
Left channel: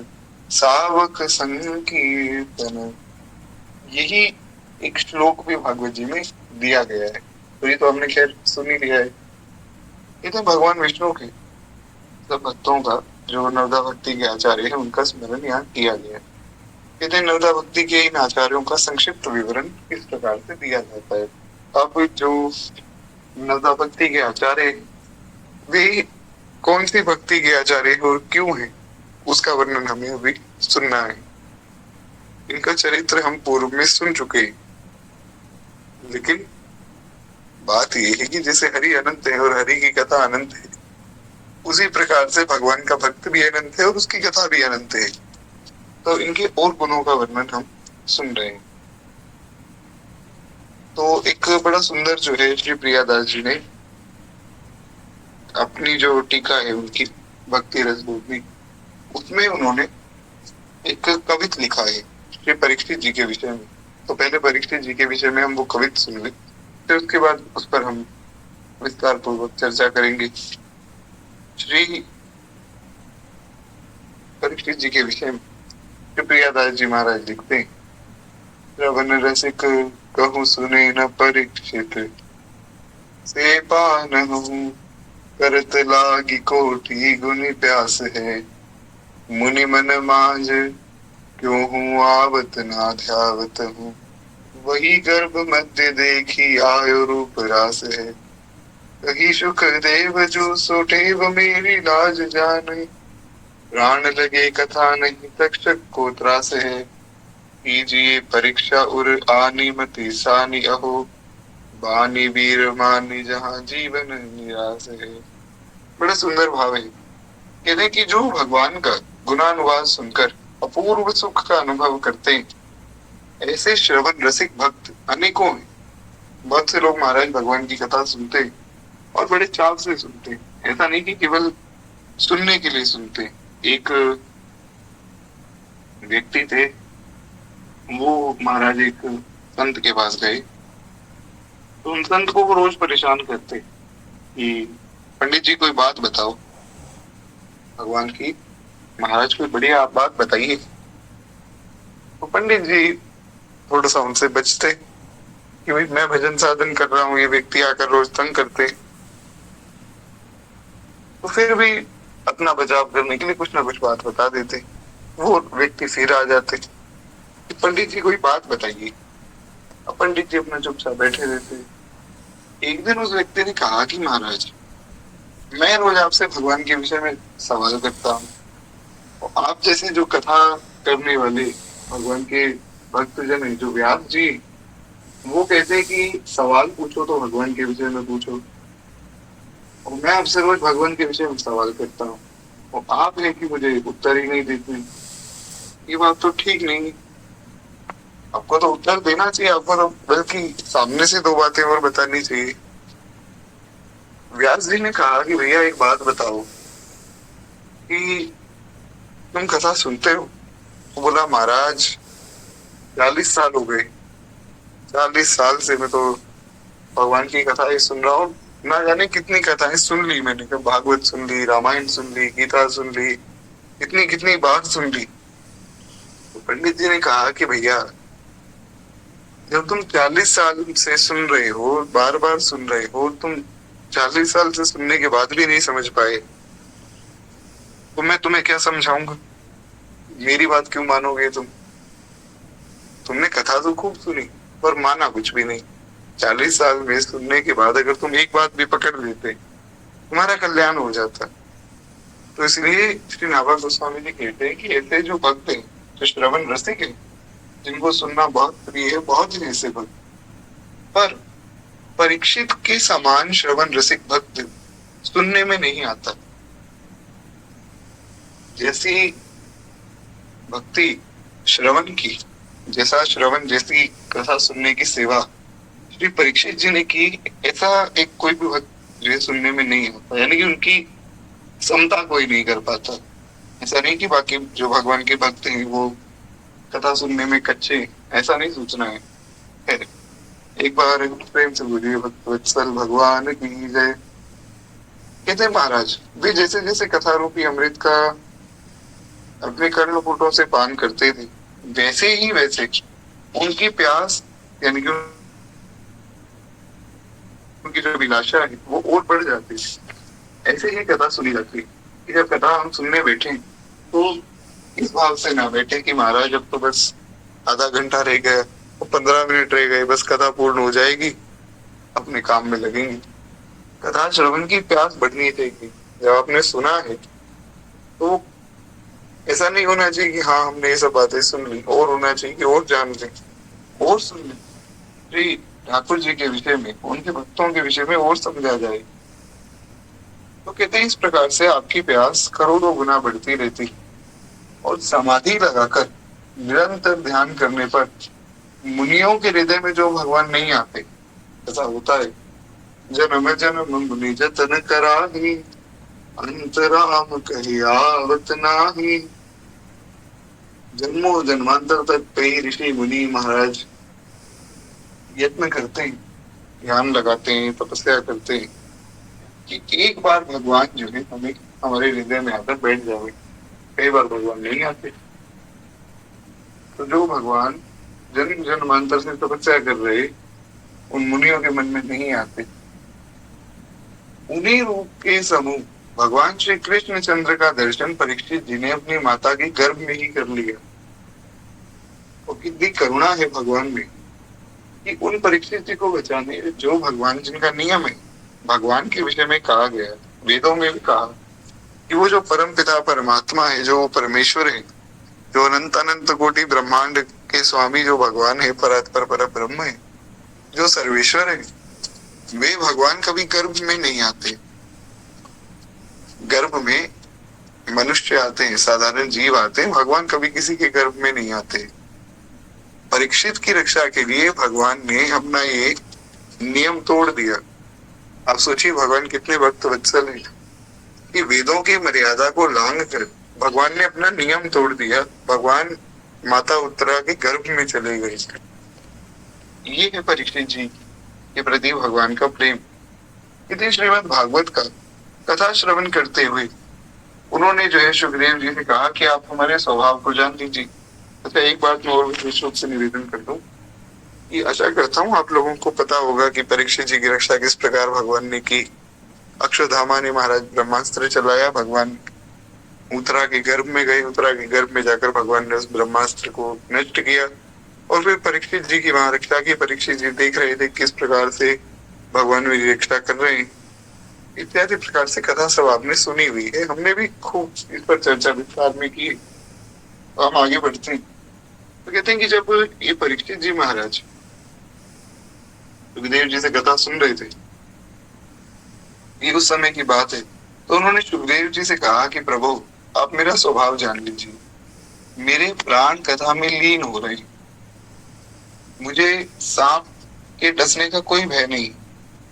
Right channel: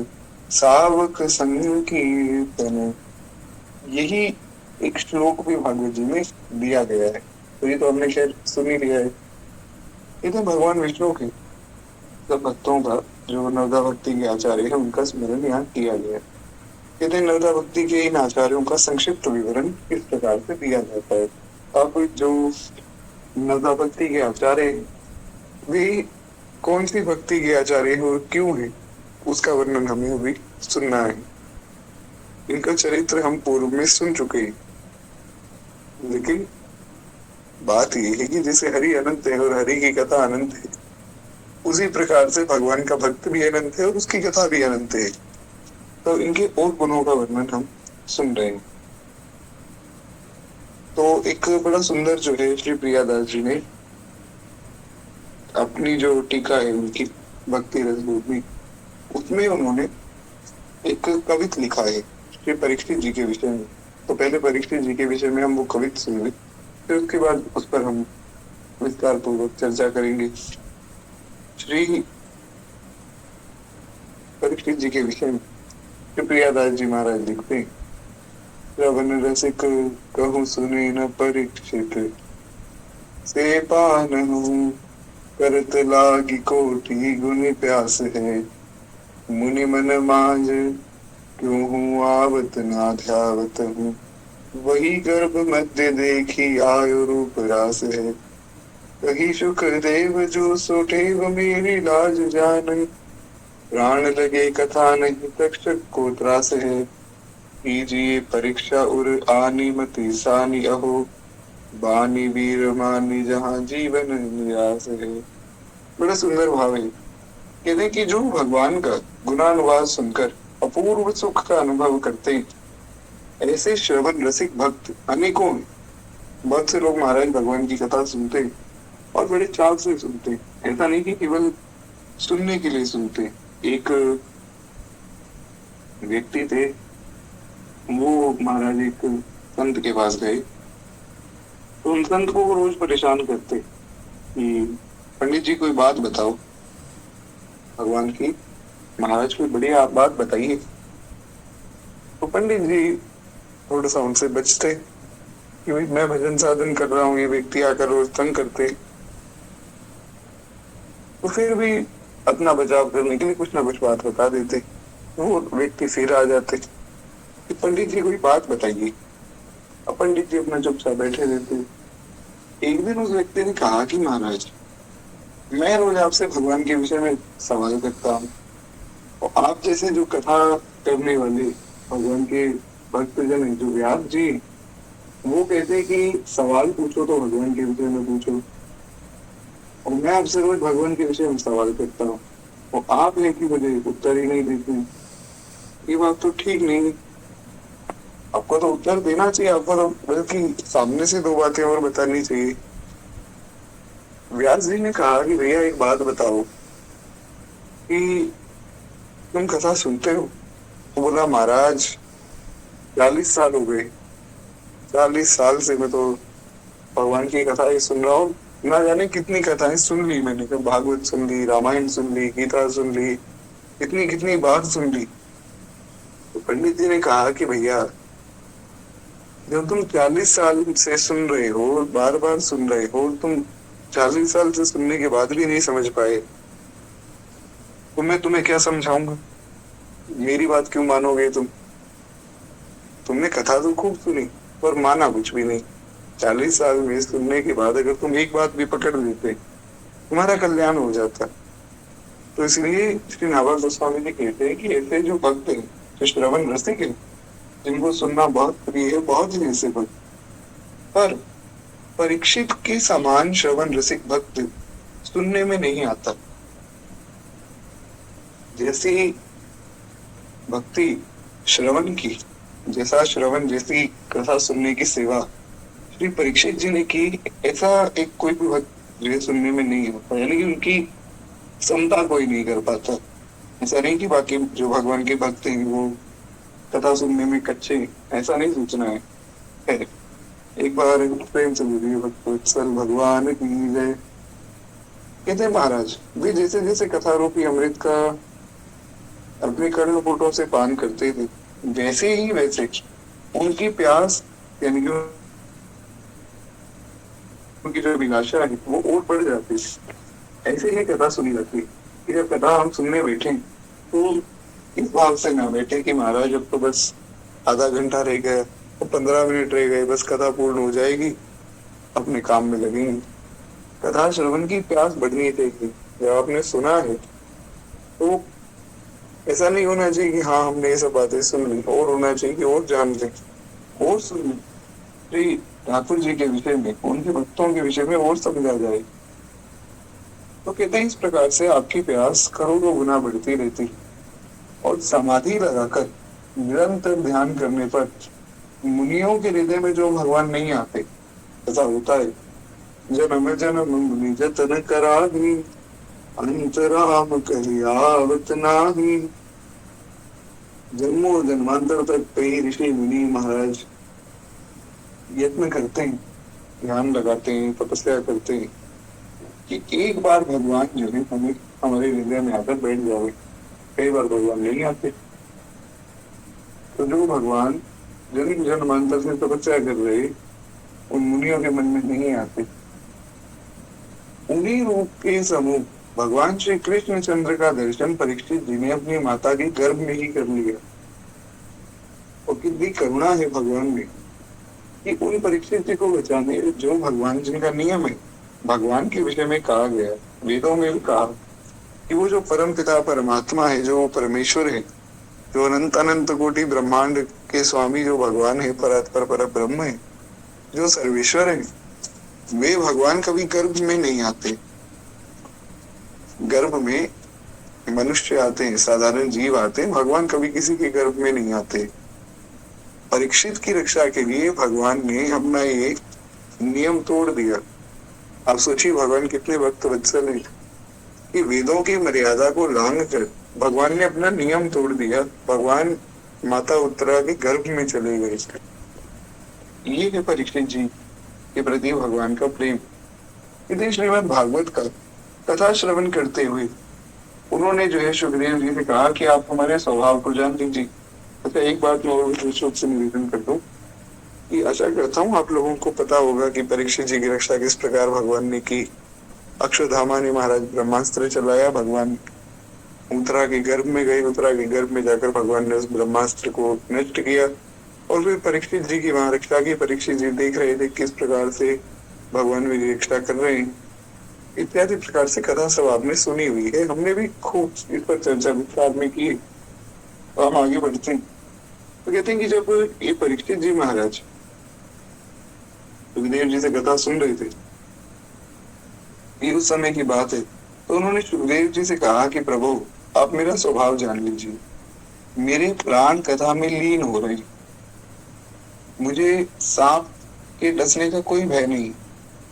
सावक संकीर्तन, यही एक श्लोक भी भागवत जी में दिया गया है। तो ये तो हमने खैर सुन ही लिया है। ये तो भगवान विष्णु के सब भक्तों का जो नवदा भक्ति के आचार्य है उनका स्मरण यहाँ किया गया है। कहते हैं नवदा भक्ति के इन आचार्यों का संक्षिप्त विवरण इस प्रकार से दिया जाता है। अब जो नवदा भक्ति के आचार्य वे कौन सी भक्ति के आचार्य और क्यों है, उसका वर्णन हमें अभी सुनना है। इनका चरित्र हम पूर्व में सुन चुके हैं, लेकिन बात यह है कि जैसे हरि अनंत है और हरि की कथा अनंत है, उसी प्रकार से भगवान का भक्त भी अनंत है और उसकी कथा भी अनंत है। तो इनके और गुणों का वर्णन हम सुन रहे हैं। तो एक बड़ा सुंदर जो है श्री प्रियादास जी ने अपनी जो टीका है उनकी भक्ति रस में, उसमें उन्होंने एक कवित लिखा है श्री परीक्षित जी के विषय में। तो पहले परीक्षित जी के विषय में हम वो कवित सुन ले, फिर उसके बाद उस पर हम विस्तार पूर्वक चर्चा करेंगे। श्री परीक्षित जी के विषय में श्री प्रियादास जी महाराज लिखते हैं, श्रवण रसिक कहूँ सुने न परीक्षित, से पानहु करत लागी कोटि गुनि प्यास है, मुनि मन मांझ क्यों हूँ आवत ना ध्यावत हूँ, वही गर्भ मध्य देखी आयो रूप रास है, कही सुख देव जो सोटेव मेरी लाज जान, प्राण लगे कथा नहीं तक्षक को त्रास है, कीजिए परीक्षा उर आनी मति सानी अहो, बानी वीर मानी जहाँ जीवन निराश है। बड़ा सुंदर भाव है। कहते हैं कि जो भगवान का गुणानुवाद सुनकर अपूर्व सुख का अनुभव करते हैं, ऐसे श्रवण रसिक भक्त अनेकों हैं। बहुत से लोग महाराज भगवान की कथा सुनते हैं और बड़े चाव से सुनते हैं। ऐसा नहीं कि केवल सुनने के लिए सुनते हैं। एक व्यक्ति थे, वो महाराज एक संत के पास गए, तो उन संत को वो रोज परेशान करते कि पंडित जी कोई बात बताओ भगवान की, महाराज कोई बढ़िया आप बात बताइए। तो पंडित जी थोड़ा सा उनसे बचते कि भाई मैं भजन साधन कर रहा हूँ, ये व्यक्ति आकर रोज तंग करते। तो फिर भी अपना बचाव करने के लिए कुछ ना कुछ बात बता देते। वो व्यक्ति फिर आ जाते कि पंडित जी कोई बात बताइए। अब पंडित जी अपना चुपचाप बैठे रहते। एक दिन उस व्यक्ति ने कहा कि महाराज, मैं रोज आपसे भगवान के विषय में सवाल करता हूँ, और आप जैसे जो कथा करने वाले भगवान के भक्तजन है जो व्यास जी, वो कहते हैं कि सवाल पूछो तो भगवान के विषय में पूछो, और मैं आपसे रोज भगवान के विषय में सवाल करता हूँ और आप है कि मुझे उत्तर ही नहीं देते। ये बात तो ठीक नहीं। आपको तो उत्तर देना चाहिए, आपको तो बल्कि सामने से दो बातें और बतानी चाहिए। व्यास जी ने कहा कि भैया एक बात बताओ कि तुम कथा सुनते हो? वो बोला महाराज 40 साल हो गए, 40 साल से मैं तो भगवान की कथाएं सुन रहा हूँ। ना जाने कितनी कथाएं सुन ली मैंने, कब भागवत सुन ली, रामायण सुन ली, गीता सुन ली, कितनी कितनी बार सुन ली। तो पंडित जी ने कहा कि भैया जब तुम 40 साल से सुन रहे हो, बार बार सुन रहे हो, तुम 40 साल से सुनने के बाद भी नहीं समझ पाए, तो मैं तुम्हें क्या समझाऊंगा? मेरी बात क्यों मानोगे तुम? तुमने कथा तो खूब सुनी पर माना कुछ भी नहीं। 40 साल में सुनने के बाद अगर तुम एक बात भी पकड़ लेते, तुम्हारा कल्याण हो जाता। तो इसलिए श्री नाभा गोस्वामी जी कहते हैं कि ऐसे जो भक्त हैं, जो श्रवण रसिक हैं, जिनको सुनना बहुत प्रिय है, बहुत ही ऐसे भक्त, पर परीक्षित के समान श्रवण रसिक भक्त सुनने में नहीं आता। जैसी भक्ति श्रवण की, जैसा श्रवण जैसी कथा सुनने की सेवा श्री परीक्षित जी ने की, ऐसा एक कोई भी भक्त जो है सुनने में नहीं होता। यानी कि उनकी क्षमता कोई नहीं कर पाता। ऐसा नहीं कि बाकी जो भगवान के भक्त हैं वो कथा सुनने में कच्चे, ऐसा नहीं सोचना है। एक बार प्रेम से बोलिए भक्त वत्सल भगवान की जय। कहते महाराज वे जैसे जैसे कथा रूपी अमृत का अपने कर्णपुटों से पान करते थे, वैसे ही वैसे उनकी प्यास यानी कि उनकी जो अभिलाषा है वो और बढ़ जाती है। ऐसे ही कथा सुनी जाती है कि जब कथा हम सुनने बैठे तो इस भाव से ना बैठे कि महाराज अब तो बस आधा घंटा रह गया, 15 मिनट रह गए, बस कथा पूर्ण हो जाएगी, अपने काम में लगेंगे। कथा श्रवण की प्यास बढ़नी चाहिए, जब आपने सुना है तो ऐसा नहीं होना चाहिए कि हाँ हमने ये सब बातें सुन ली, और होना चाहिए कि और जान लें और सुन लें, श्री ठाकुर जी के विषय में, उनके भक्तों के विषय में और समझा जाए। तो कहते हैं इस प्रकार से आपकी प्यास करोड़ों गुना बढ़ती रहती है, और समाधि लगाकर निरंतर ध्यान करने पर मुनियों के हृदय में जो भगवान नहीं आते, ऐसा होता है, जन्म जन्म मुनि जतन कराही, अंतराम कही आवत नाही। जन्मों जन्मांतर तक कई ऋषि मुनि महाराज यत्न करते हैं, ध्यान लगाते हैं, तपस्या करते हैं कि एक बार भगवान जो है हमें हमारे हृदय में आकर बैठ जाए। कई बार भगवान नहीं आते, तो जो भगवान जन्म जन्मांतर से तपस्या कर रहे उन मुनियों के मन में नहीं आते, उन्हीं रूप के समूह भगवान श्री कृष्ण चंद्र का दर्शन परीक्षित जी ने अपनी माता के गर्भ में ही कर लिया। और कितनी करुणा है भगवान में कि उन परीक्षित जी को बचाने, जो भगवान जिनका नियम है, भगवान के विषय में कहा गया, वेदों में भी कहा कि वो जो परम पिता परमात्मा है, जो परमेश्वर है, जो अनंत अनंत कोटि ब्रह्मांड के स्वामी जो भगवान है, परात्पर पर ब्रह्म है, जो सर्वेश्वर है, वे भगवान कभी गर्भ में नहीं आते। गर्भ में मनुष्य आते हैं, साधारण जीव आते हैं, भगवान कभी किसी के गर्भ में नहीं आते। परीक्षित की रक्षा के लिए भगवान ने अपना ये नियम तोड़ दिया। आप सोचिए भगवान कितने भक्त वत्सल हैं कि वेदों की मर्यादा को लांघ कर भगवान ने अपना नियम तोड़ दिया। भगवान माता उत्तरा के गर्भ में चले गए। ये है परीक्षित जी के प्रति भगवान का प्रेम। यदि श्रीमद् भागवत का कथा श्रवण करते हुए उन्होंने जो है सुखदेव जी से कहा कि आप हमारे स्वभाव को जान लीजिए। अच्छा, एक बात मैं और विशेष रूप से निवेदन करता हूँ कि आशा करता हूँ आप लोगों को पता होगा कि परीक्षित जी की रक्षा किस प्रकार भगवान ने की। अक्षरधामा ने महाराज ब्रह्मास्त्र चलाया, भगवान उत्तरा के गर्भ में गए, उत्तरा के गर्भ में जाकर भगवान ने उस ब्रह्मास्त्र को नष्ट किया और फिर परीक्षित जी की वहां रक्षा की। परीक्षित जी देख रहे थे किस प्रकार से भगवान मेरी रक्षा कर रहे हैं। इत्यादि प्रकार से कथा सब आपने सुनी हुई है, हमने भी खूब इस पर चर्चा विस्तार में की। तो हम आगे बढ़ते हैं। तो कहते हैं कि जब ये परीक्षित जी महाराज सुखदेव जी से कथा सुन रहे थे, ये उस समय की बात है, तो उन्होंने सुखदेव जी से कहा कि प्रभु आप मेरा स्वभाव जान लीजिए, मेरे प्राण कथा में लीन हो रहे, मुझे सांप के डसने का कोई भय नहीं।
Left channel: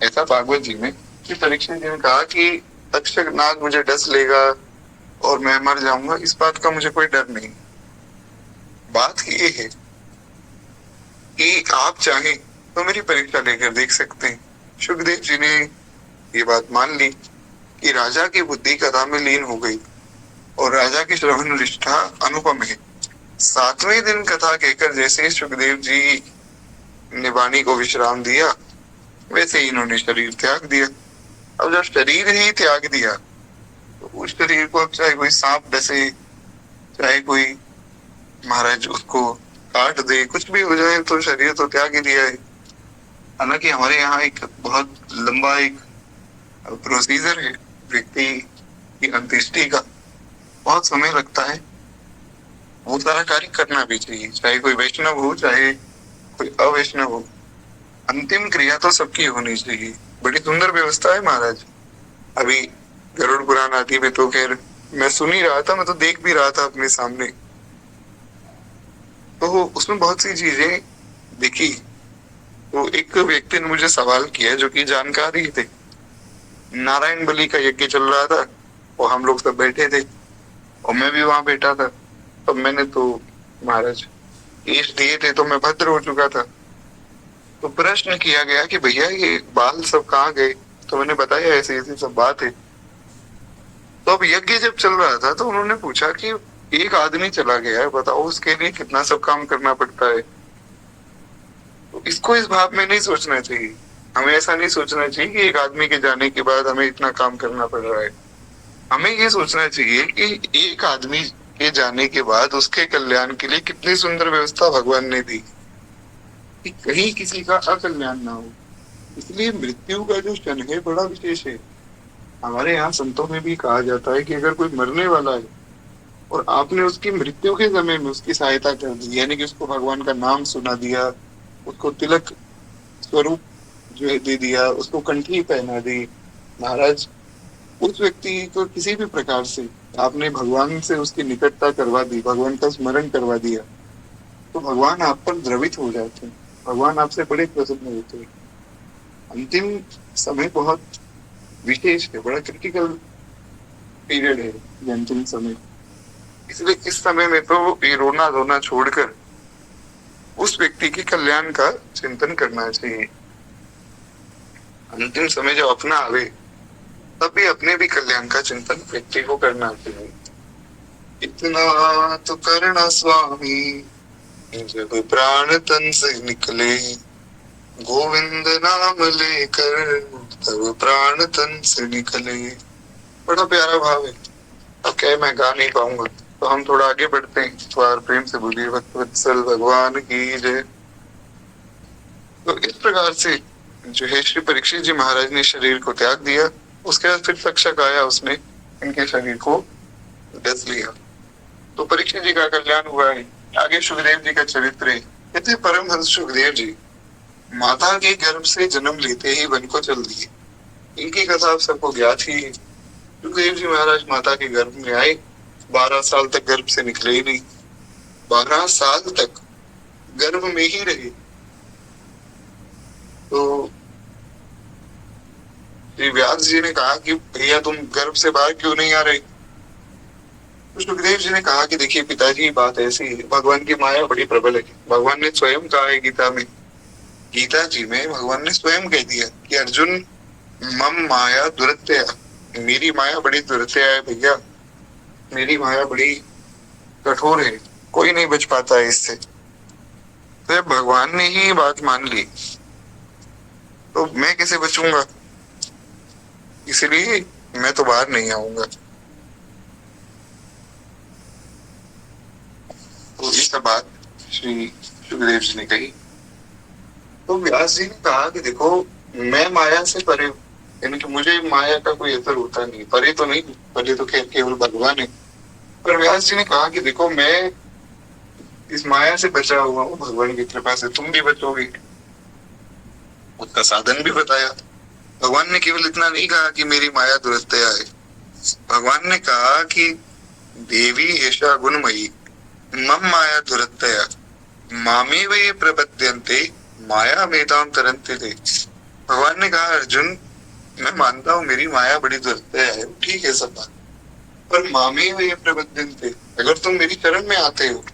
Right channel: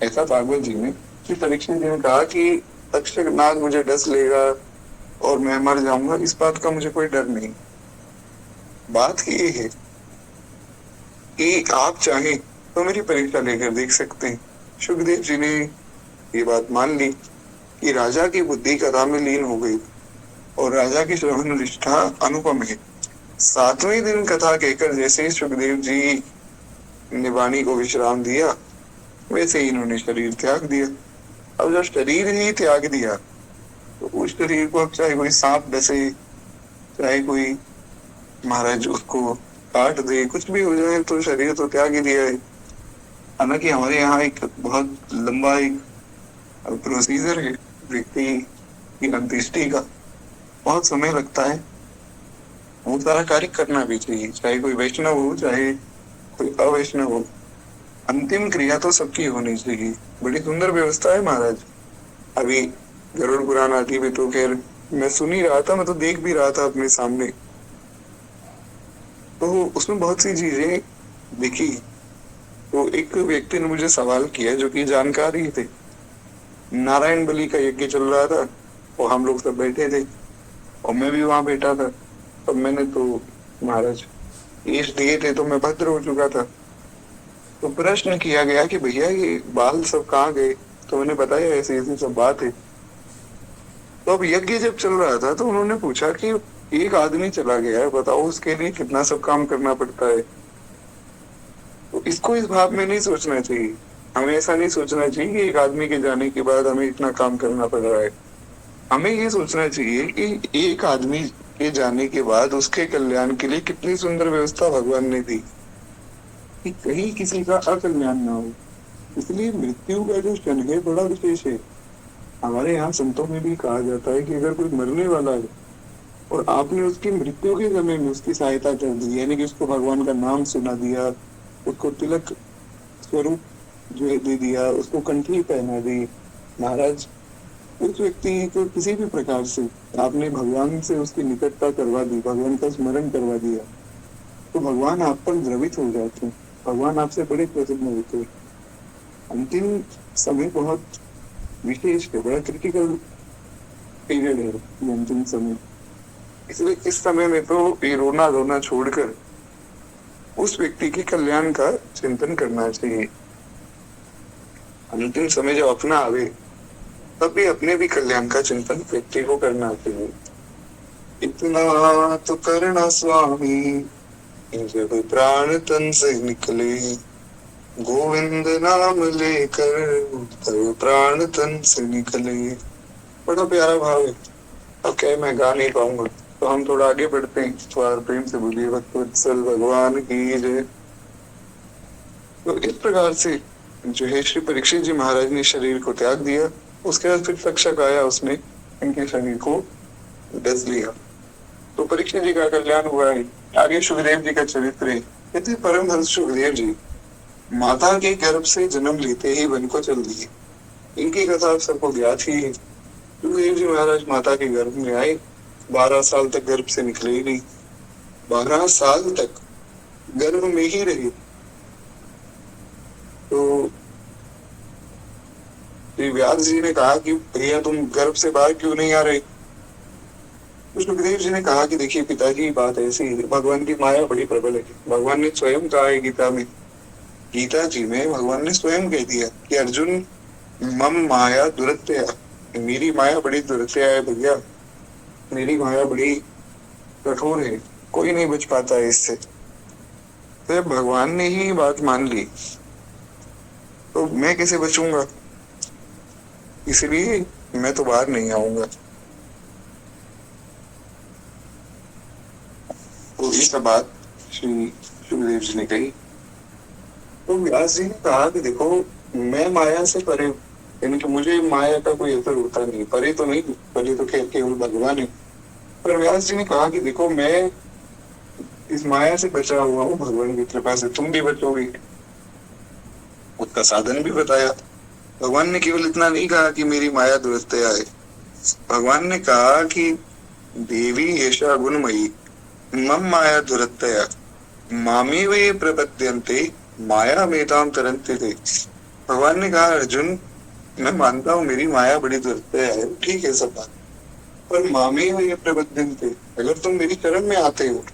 ऐसा भागवत जी में कि परीक्षित जी ने कहा कि तक्षक नाग मुझे डस लेगा और मैं मर जाऊंगा, इस बात का मुझे कोई डर नहीं। बात ये है कि आप चाहें तो मेरी परीक्षा लेकर देख सकते हैं। सुखदेव जी ने ये बात मान ली कि राजा की बुद्धि कथा में लीन हो गई और राजा की श्रवण निष्ठा अनुपम है। 7वें दिन कथा कहकर जैसे सुखदेव जी ने वाणी को विश्राम दिया, वैसे ही इन्होंने शरीर त्याग दिया। अब जब शरीर ही त्याग दिया तो उस शरीर को अब चाहे कोई सांप डसे, चाहे कोई महाराज उसको काट दे, कुछ भी हो जाए, तो शरीर तो त्याग ही दिया है। हालांकि हमारे यहाँ एक बहुत लंबा एक प्रोसीजर है व्यक्ति की अंत्येष्टि का, बहुत समय लगता है, वो सारा कार्य करना भी चाहिए, चाहे कोई वैष्णव हो चाहे कोई अवैष्णव हो। अंतिम क्रिया तो सबकी होनी चाहिए। बड़ी सुंदर व्यवस्था है महाराज। अभी गरुड़ पुराण आदि में तो खैर मैं सुन ही रहा था, मैं तो देख भी रहा था अपने सामने, तो उसमें बहुत सी चीजें देखी। तो एक व्यक्ति ने मुझे सवाल किया जो कि जानकार ही थे। नारायण बलि का यज्ञ चल रहा था और हम लोग सब बैठे थे और मैं भी वहां बैठा था। तब मैंने तो महाराज केश दिए थे तो मैं भद्र हो चुका था। तो प्रश्न किया गया कि भैया ये बाल सब कहाँ गए, तो मैंने बताया ऐसी ऐसी सब बात है। तो अब यज्ञ जब चल रहा था तो उन्होंने पूछा कि एक आदमी चला गया है, बताओ उसके लिए कितना सब काम करना पड़ता है। तो इसको इस भाव में नहीं सोचना चाहिए। हमें ऐसा नहीं सोचना चाहिए कि एक आदमी के जाने के बाद हमें इतना काम करना पड़ रहा है। हमें ये सोचना चाहिए कि एक आदमी के जाने के बाद उसके कल्याण के लिए कितनी सुंदर व्यवस्था भगवान ने दी कि कहीं किसी का अकल्याण ना हो। इसलिए मृत्यु का जो क्षण है बड़ा विशेष है। हमारे यहाँ संतों में भी कहा जाता है कि अगर कोई मरने वाला है और आपने उसकी मृत्यु के समय में उसकी सहायता कर दी, यानी कि उसको भगवान का नाम सुना दिया, उसको तिलक स्वरूप जो है दे दिया, उसको कंठी पहना दी, महाराज उस व्यक्ति को किसी भी प्रकार से आपने भगवान से उसकी निकटता करवा दी, भगवान का स्मरण करवा दिया, तो भगवान आप पर द्रवित हो जाते हैं, भगवान आपसे बड़े प्रसन्न होते हैं। अंतिम समय बहुत विशेष है, बड़ा क्रिटिकल पीरियड है ये अंतिम समय। इसलिए इस समय में तो ये रोना धोना छोड़कर उस व्यक्ति के कल्याण का चिंतन करना चाहिए। अंतिम समय जब अपना आवे तब भी अपने भी कल्याण का चिंतन व्यक्ति को करना चाहिए। इतना तो करना स्वामी जब प्राण तन से निकले, गोविंद नाम लेकर तब प्राण तन से निकले। बड़ा प्यारा भाव है। अब क्या मैं गा नहीं पाऊंगा, तो हम थोड़ा आगे बढ़ते हैं। थोड़ा प्रेम से बोलिए भक्तवत्सल भगवान की जय। तो इस प्रकार से जो है श्री परीक्षित जी महाराज ने शरीर को त्याग दिया। उसके बाद फिर तक्षक आया, उसने इनके शरीर को डस लिया। तो परीक्षित जी का कल्याण हुआ है। आगे सुखदेव जी का चरित्र है। कहते परमहंस सुखदेव जी माता के गर्भ से जन्म लेते ही वन को चल दिए। इनकी कथा आप सबको ज्ञात ही है। सुखदेव जी महाराज माता के गर्भ में आए, 12 साल तक गर्भ से निकले ही नहीं, 12 साल तक गर्भ में ही रहे। तो श्री व्यास जी ने कहा कि भैया तुम गर्भ से बाहर क्यों नहीं आ रहे? तो सुखदेव जी ने कहा कि देखिए पिताजी, बात ऐसी है, भगवान की माया बड़ी प्रबल है। भगवान ने स्वयं कहा है गीता में, गीता जी में भगवान ने स्वयं कह दिया कि अर्जुन मम माया दुरत्या, मेरी माया बड़ी दुरत्या है भैया, मेरी माया बड़ी कठोर है, कोई नहीं बच पाता है इससे। तो भगवान ने ही बात मान ली तो मैं कैसे बचूंगा, इसलिए मैं तो बाहर नहीं आऊंगा। तो ये सब बात श्री सुखदेव जी ने कही। तो व्यास जी ने कहा कि देखो मैं माया से परे, यानी कि मुझे माया का कोई असर होता नहीं, परे तो नहीं, परे तो केवल भगवान है। पर व्यास जी ने कहा कि देखो मैं इस माया से बचा हुआ हूँ, भगवान की कृपा से तुम भी बचोगे। उसका साधन भी बताया। भगवान ने केवल इतना नहीं कहा कि मेरी माया दुरत्या है, भगवान ने कहा कि देवी ऐसा गुणमयी मम माया दुरत्या मामी वे प्रपद्यन्ते माया मेताम तरन्ते थे। भगवान ने कहा अर्जुन मैं मानता हूँ मेरी माया बड़ी दुरत्या है, ठीक है सब बात, पर मामी वे प्रपद्यन्ते, अगर तुम मेरी शरण में आते हो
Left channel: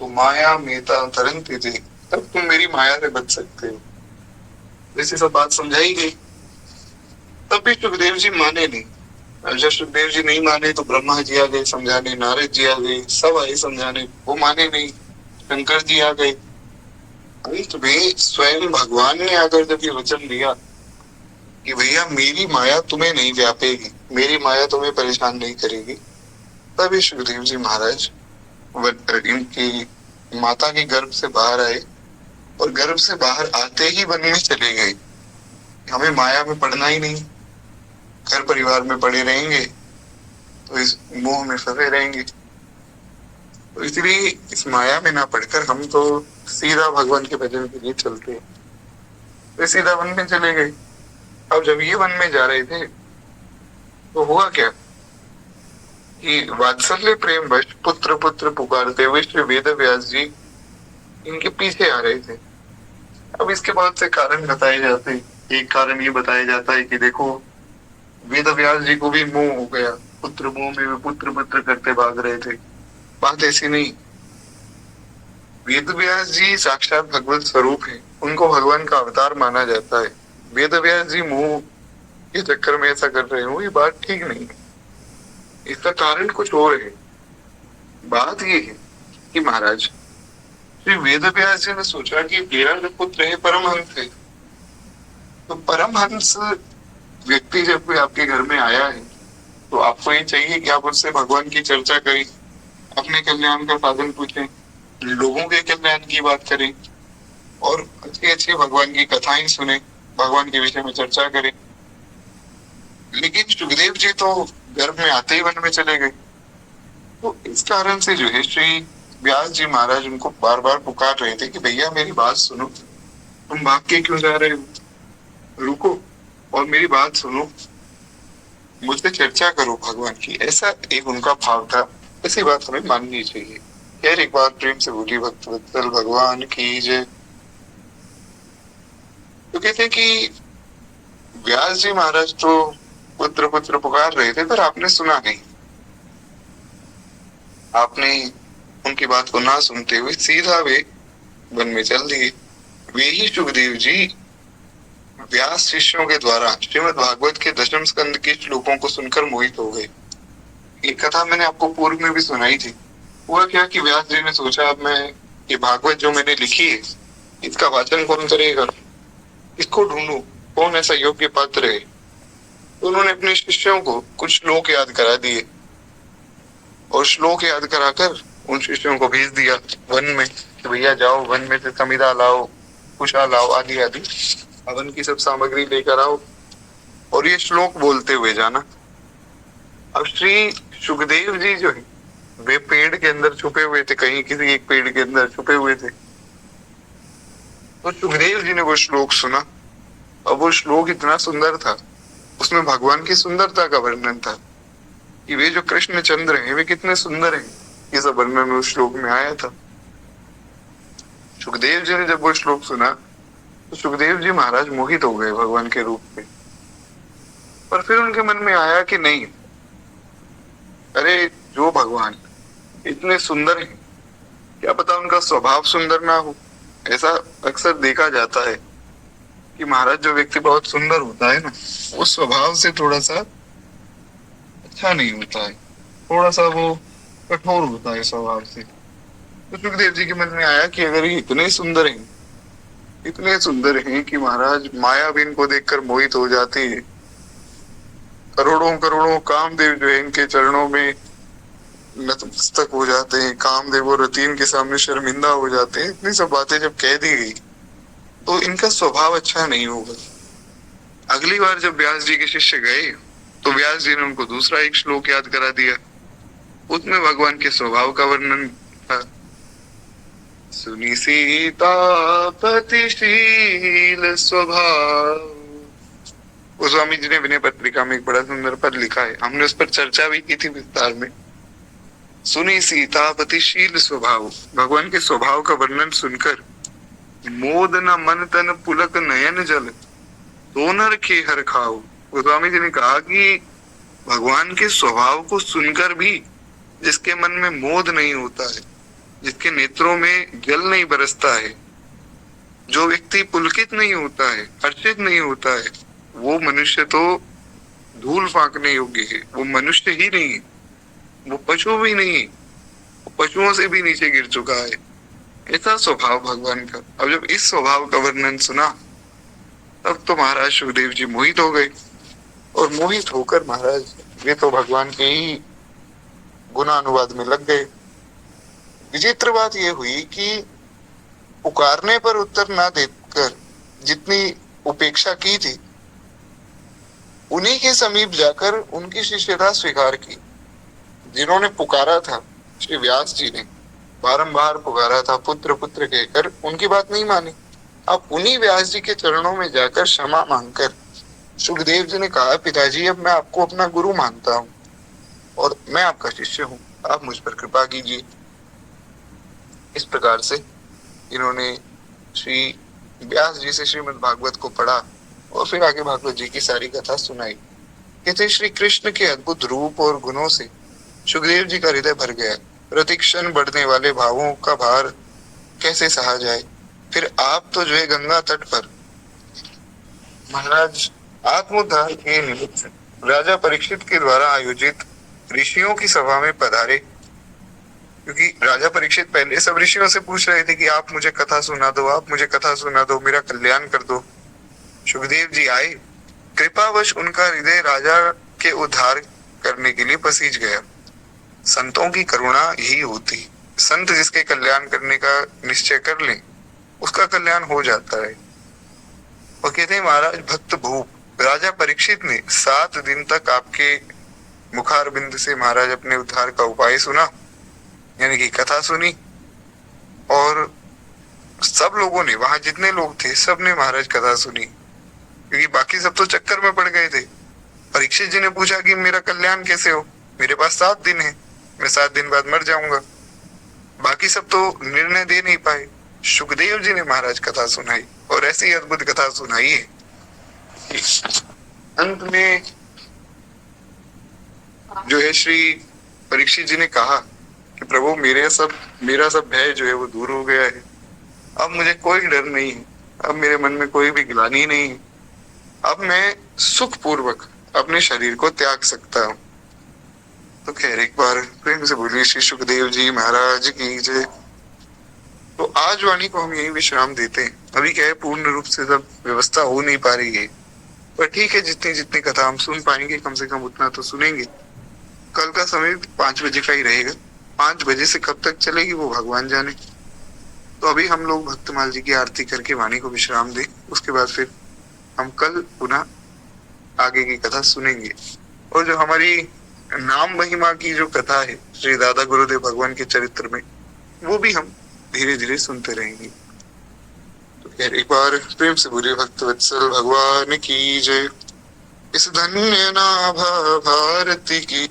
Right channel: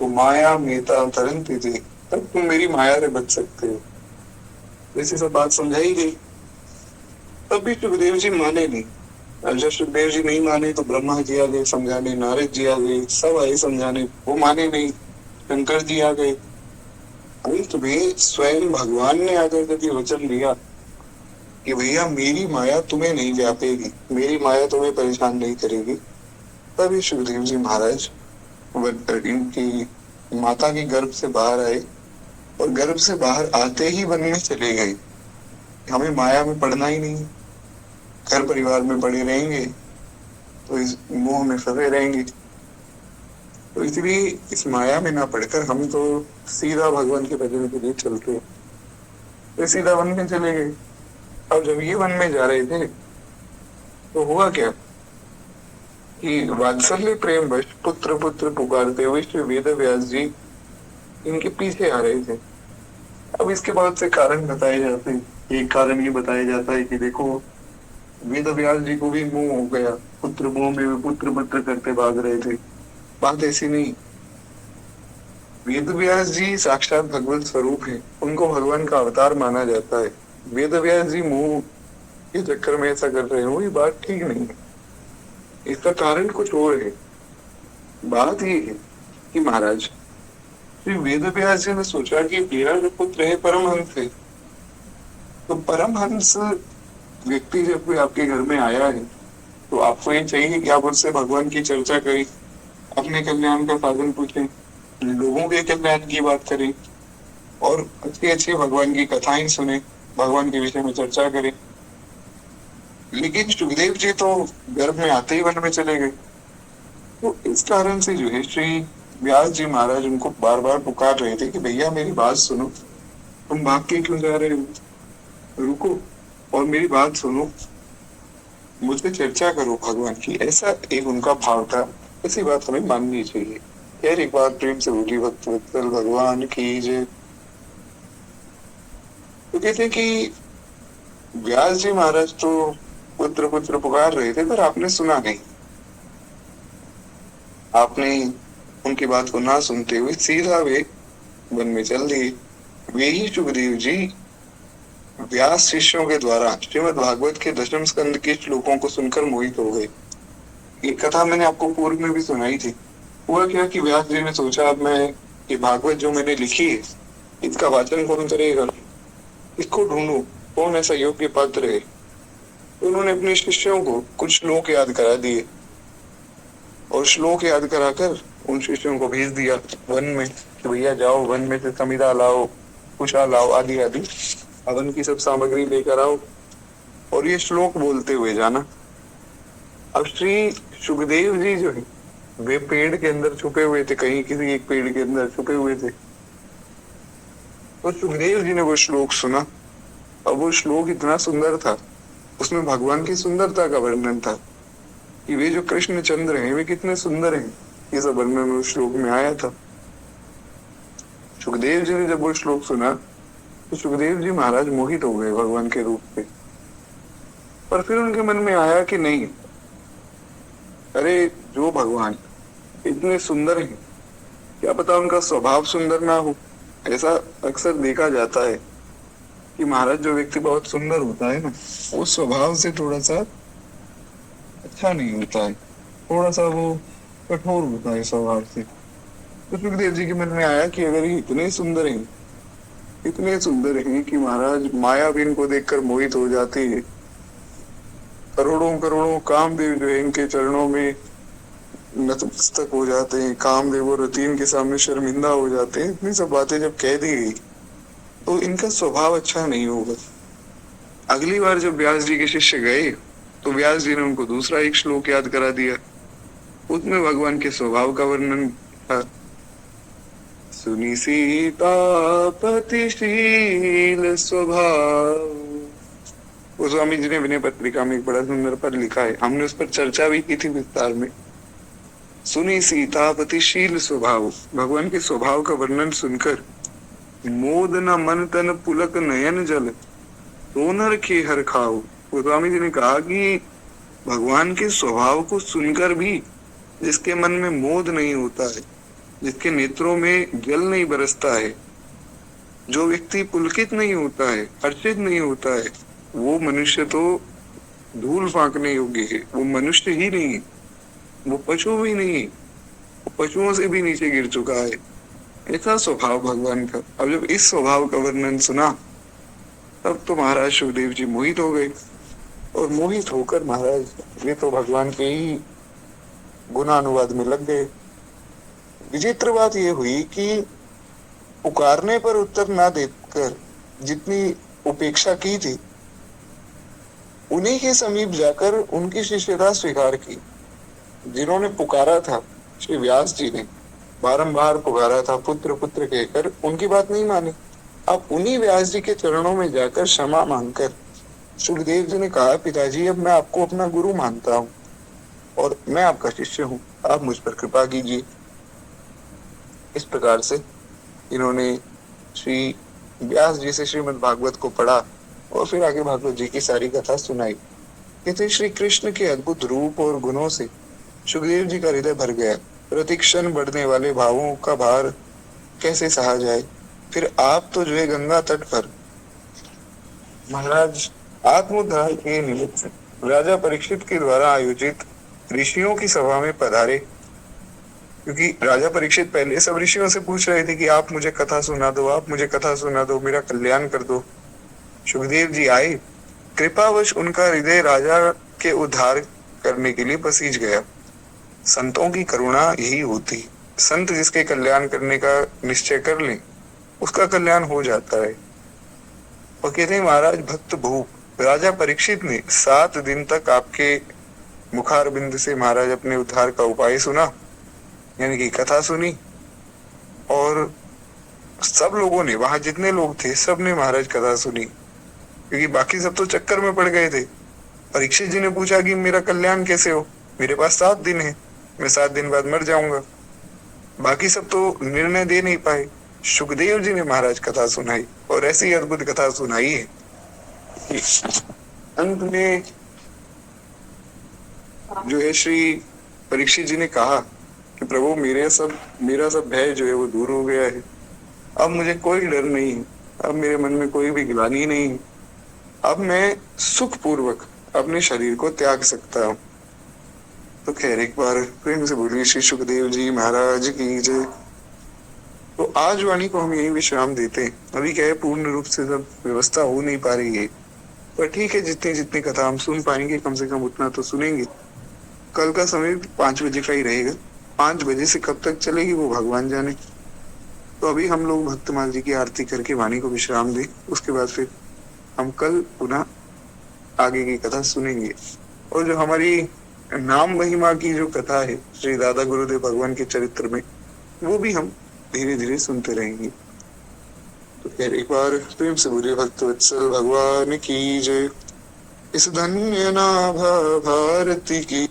तो माया मेताम तरन्ते थे, तब तुम मेरी माया से बच सकते हो। जैसे सब बात समझाई गई। तब भी सुखदेव जी माने नहीं। और जब सुखदेव जी नहीं माने तो ब्रह्मा जी आ गए समझाने, नारद जी आ गए, सब आए समझाने, वो माने नहीं। शंकर जी आ गए। अंत में स्वयं भगवान ने आकर जब ये वचन दिया कि भैया मेरी माया तुम्हें नहीं व्यापेगी, मेरी माया तुम्हें परेशान नहीं करेगी, तभी सुखदेव जी महाराज इनकी माता के गर्भ से बाहर आए और गर्भ से बाहर आते ही वन में चले गए। हमें माया में पड़ना ही नहीं, घर परिवार में पड़े रहेंगे तो इस मोह में फंसे रहेंगे। तो इसलिए इस माया में ना पढ़कर हम तो सीधा भगवान के भजन के लिए चलते हैं। तो सीधा वन में चले गए। अब जब ये वन में जा रहे थे तो हुआ क्या कि वात्सल्य प्रेम वश पुत्र पुत्र पुकारते हुए श्री वेद व्यास जी इनके पीछे आ रहे थे। अब इसके बहुत से कारण बताए जाते हैं। एक कारण ये बताया जाता है कि देखो वेद व्यास जी को भी मोह हो गया, पुत्र मोह में वे पुत्र पुत्र करते भाग रहे थे। बात ऐसी नहीं, वेद व्यास जी साक्षात भगवत स्वरूप है, उनको भगवान का अवतार माना जाता है। वेद व्यास जी मोह के चक्कर में ऐसा कर रहे हो, ये बात ठीक नहीं है। इसका कारण कुछ और है। बात ये है कि महाराज श्री वेद व्यास जी ने सोचा कि मेरा जो पुत्र है परमहंस है, तो परमहंस व्यक्ति जब कोई आपके घर में आया है तो आपको ये चाहिए कि आप उससे भगवान की चर्चा करें, अपने कल्याण का साधन पूछें, लोगों के कल्याण की बात करें और अच्छी अच्छी भगवान की कथाएं सुने, भगवान के विषय में चर्चा करें। लेकिन सुखदेव जी तो गर्भ में आते ही वन में चले गए। तो इस कारण से जो है श्री व्यास जी महाराज उनको बार बार पुकार रहे थे कि भैया मेरी बात सुनो, तुम भाग के क्यों जा रहे हो, रुको और मेरी बात सुनो, मुझसे चर्चा करो भगवान की। ऐसा एक उनका भाव था। ऐसी बात हमें माननी चाहिए। खैर एक बार प्रेम से बोली भक्त वत्सल भगवान की जय। तो कहते हैं कि व्यास जी महाराज तो पुत्र पुत्र पुकार रहे थे, पर आपने सुना नहीं। आपने उनकी बात को ना सुनते हुए सीधा वे वन में चल दिए। वे ही सुखदेव जी व्यास शिष्यों के द्वारा श्रीमद् भागवत के दशम स्कंद के श्लोकों को सुनकर मोहित हो गए। ये कथा मैंने आपको पूर्व में भी सुनाई थी। हुआ क्या कि व्यास जी ने सोचा, अब मैं ये भागवत जो मैंने लिखी है इसका वाचन कौन करेगा, इसको ढूंढूं, कौन ऐसा योग्य पात्र है। तो उन्होंने अपने शिष्यों को कुछ श्लोक याद करा दिए और श्लोक याद कराकर उन शिष्यों को भेज दिया वन में कि भैया जाओ वन में से समिधा लाओ, कुशा लाओ, आदि आदि हवन की सब सामग्री लेकर आओ और ये श्लोक बोलते हुए जाना। अब श्री सुखदेव जी जो है वे पेड़ के अंदर छुपे हुए थे, कहीं किसी एक पेड़ के अंदर छुपे हुए थे। तो सुखदेव जी ने वो श्लोक सुना। अब वो श्लोक इतना सुंदर था, उसमें भगवान की सुंदरता का वर्णन था कि वे जो कृष्ण चंद्र हैं वे कितने सुंदर हैं, ये सब वर्णन उस श्लोक में आया था। सुखदेव जी ने जब वो श्लोक सुना तो सुखदेव जी महाराज मोहित हो गए भगवान के रूप में। पर फिर उनके मन में आया कि नहीं, अरे जो भगवान इतने सुंदर हैं, क्या पता उनका स्वभाव सुंदर ना हो। ऐसा अक्सर देखा जाता है कि महाराज जो व्यक्ति बहुत सुंदर होता है ना, वो स्वभाव से थोड़ा सा अच्छा नहीं होता है, थोड़ा सा वो कठोर होता है स्वभाव से। तो सुखदेव जी के मन में आया कि अगर ये इतने सुंदर हैं, इतने सुंदर हैं कि महाराज माया भी इनको देखकर मोहित हो जाती है, करोड़ों करोड़ों कामदेव जो है इनके चरणों में नतमस्तक हो जाते हैं, कामदेव और रतीन के सामने शर्मिंदा हो जाते हैं, इतनी सब बातें जब कह दी गई तो इनका स्वभाव अच्छा नहीं होगा। अगली बार जब व्यास जी के शिष्य गए तो व्यास जी ने उनको दूसरा एक श्लोक याद करा दिया। उसमें भगवान के स्वभाव का वर्णन था। सुनी सीतापतिशील स्वभाव, वो स्वामी जी ने विनय पत्रिका में एक बड़ा सुंदर पद लिखा है, हमने उस पर चर्चा भी की थी विस्तार में। सुनी सीतापतिशील स्वभाव, भगवान के स्वभाव का वर्णन सुनकर मोद न मन तन पुलक नयन जल तो नर के हर खाओ। गोस्वामी जी ने कहा कि भगवान के स्वभाव को सुनकर भी जिसके मन में मोद नहीं होता है, जिसके नेत्रों में जल नहीं बरसता है, जो व्यक्ति पुलकित नहीं होता है, हर्षित नहीं होता है, वो मनुष्य तो धूल फांकने योग्य है। वो मनुष्य ही नहीं है, वो पशु भी नहीं, वो पशुओं से भी नीचे गिर चुका है। ऐसा स्वभाव भगवान का। अब जब इस स्वभाव का वर्णन सुना तब तो महाराज सुखदेव जी मोहित हो गए और मोहित होकर महाराज वे तो भगवान के ही गुणानुवाद में लग गए। विचित्र बात यह हुई कि पुकारने पर उत्तर ना देकर जितनी उपेक्षा की थी, उन्हीं के समीप जाकर उनकी शिष्यता स्वीकार की। जिन्होंने पुकारा था, श्री व्यास जी ने बारंबार पुकारा था पुत्र पुत्र कहकर, उनकी बात नहीं मानी। अब उन्हीं व्यास जी के चरणों में जाकर क्षमा मांगकर सुखदेव जी ने कहा, पिताजी अब मैं आपको अपना गुरु मानता हूँ और मैं आपका शिष्य हूँ, आप मुझ पर कृपा कीजिए। इस प्रकार से इन्होंने श्री व्यास जी से श्रीमद् भागवत को पढ़ा और फिर आगे भागवत जी की सारी कथा सुनाई। कहते श्री कृष्ण के अद्भुत रूप और गुणों से सुखदेव जी का हृदय भर गया। प्रतिक्षण बढ़ने वाले भावों का भार कैसे सहा जाए। फिर आप तो जो है गंगा तट पर महाराज आत्मोद्धार के निमित्त राजा परीक्षित के द्वारा आयोजित ऋषियों की सभा में पधारे। क्योंकि राजा परीक्षित पहले सब ऋषियों से पूछ रहे थे कि आप मुझे कथा सुना दो, आप मुझे कथा सुना दो, मेरा कल्याण कर दो। सुखदेव जी आए, कृपावश उनका हृदय राजा के उद्धार करने के लिए पसीज गया। संतों की करुणा यही होती, संत जिसके कल्याण करने का निश्चय कर ले उसका कल्याण हो जाता है। और कहते हैं महाराज भक्त भूप राजा परीक्षित ने 7 दिन तक आपके मुखारबिंद से महाराज अपने उद्धार का उपाय सुना, यानी कि कथा सुनी। और सब लोगों ने, वहां जितने लोग थे सब ने महाराज कथा सुनी, क्योंकि बाकी सब तो चक्कर में पड़ गए थे। परीक्षित जी ने पूछा कि मेरा कल्याण कैसे हो, मेरे पास 7 दिन है, मैं 7 दिन बाद मर जाऊंगा। बाकी सब तो निर्णय दे नहीं पाए। सुखदेव जी ने महाराज कथा सुनाई, और ऐसी अद्भुत कथा सुनाई है कि अंत में जो है श्री परीक्षित जी ने कहा कि प्रभु मेरा सब भय जो है वो दूर हो गया है। अब मुझे कोई डर नहीं है, अब मेरे मन में कोई भी ग्लानि नहीं है, अब मैं सुख पूर्वक अपने शरीर को त्याग सकता हूँ। तो खैर एक बार प्रेम से बोलिए श्री सुखदेव जी महाराज की जय। तो आज वाणी को हम यही विश्राम देते हैं। अभी क्या है, पूर्ण रूप से सब व्यवस्था हो नहीं पा रही है, पर ठीक है, जितनी जितनी कथा हम सुन पाएंगे कम से कम उतना तो सुनेंगे। कल का समय 5 बजे का ही रहेगा, 5 बजे से कब तक चलेगी वो भगवान जाने। तो अभी हम लोग भक्तमाल जी की आरती करके वाणी को विश्राम दें, उसके बाद फिर हम कल पुनः आगे की कथा सुनेंगे। और जो हमारी नाम महिमा की जो कथा है श्री दादा गुरुदेव भगवान के चरित्र में, वो भी हम धीरे धीरे सुनते रहेंगे। तो खैर एक बार प्रेम से बोलिए भक्त वत्सल भगवान की जय। इस धन्य नाभा भारती की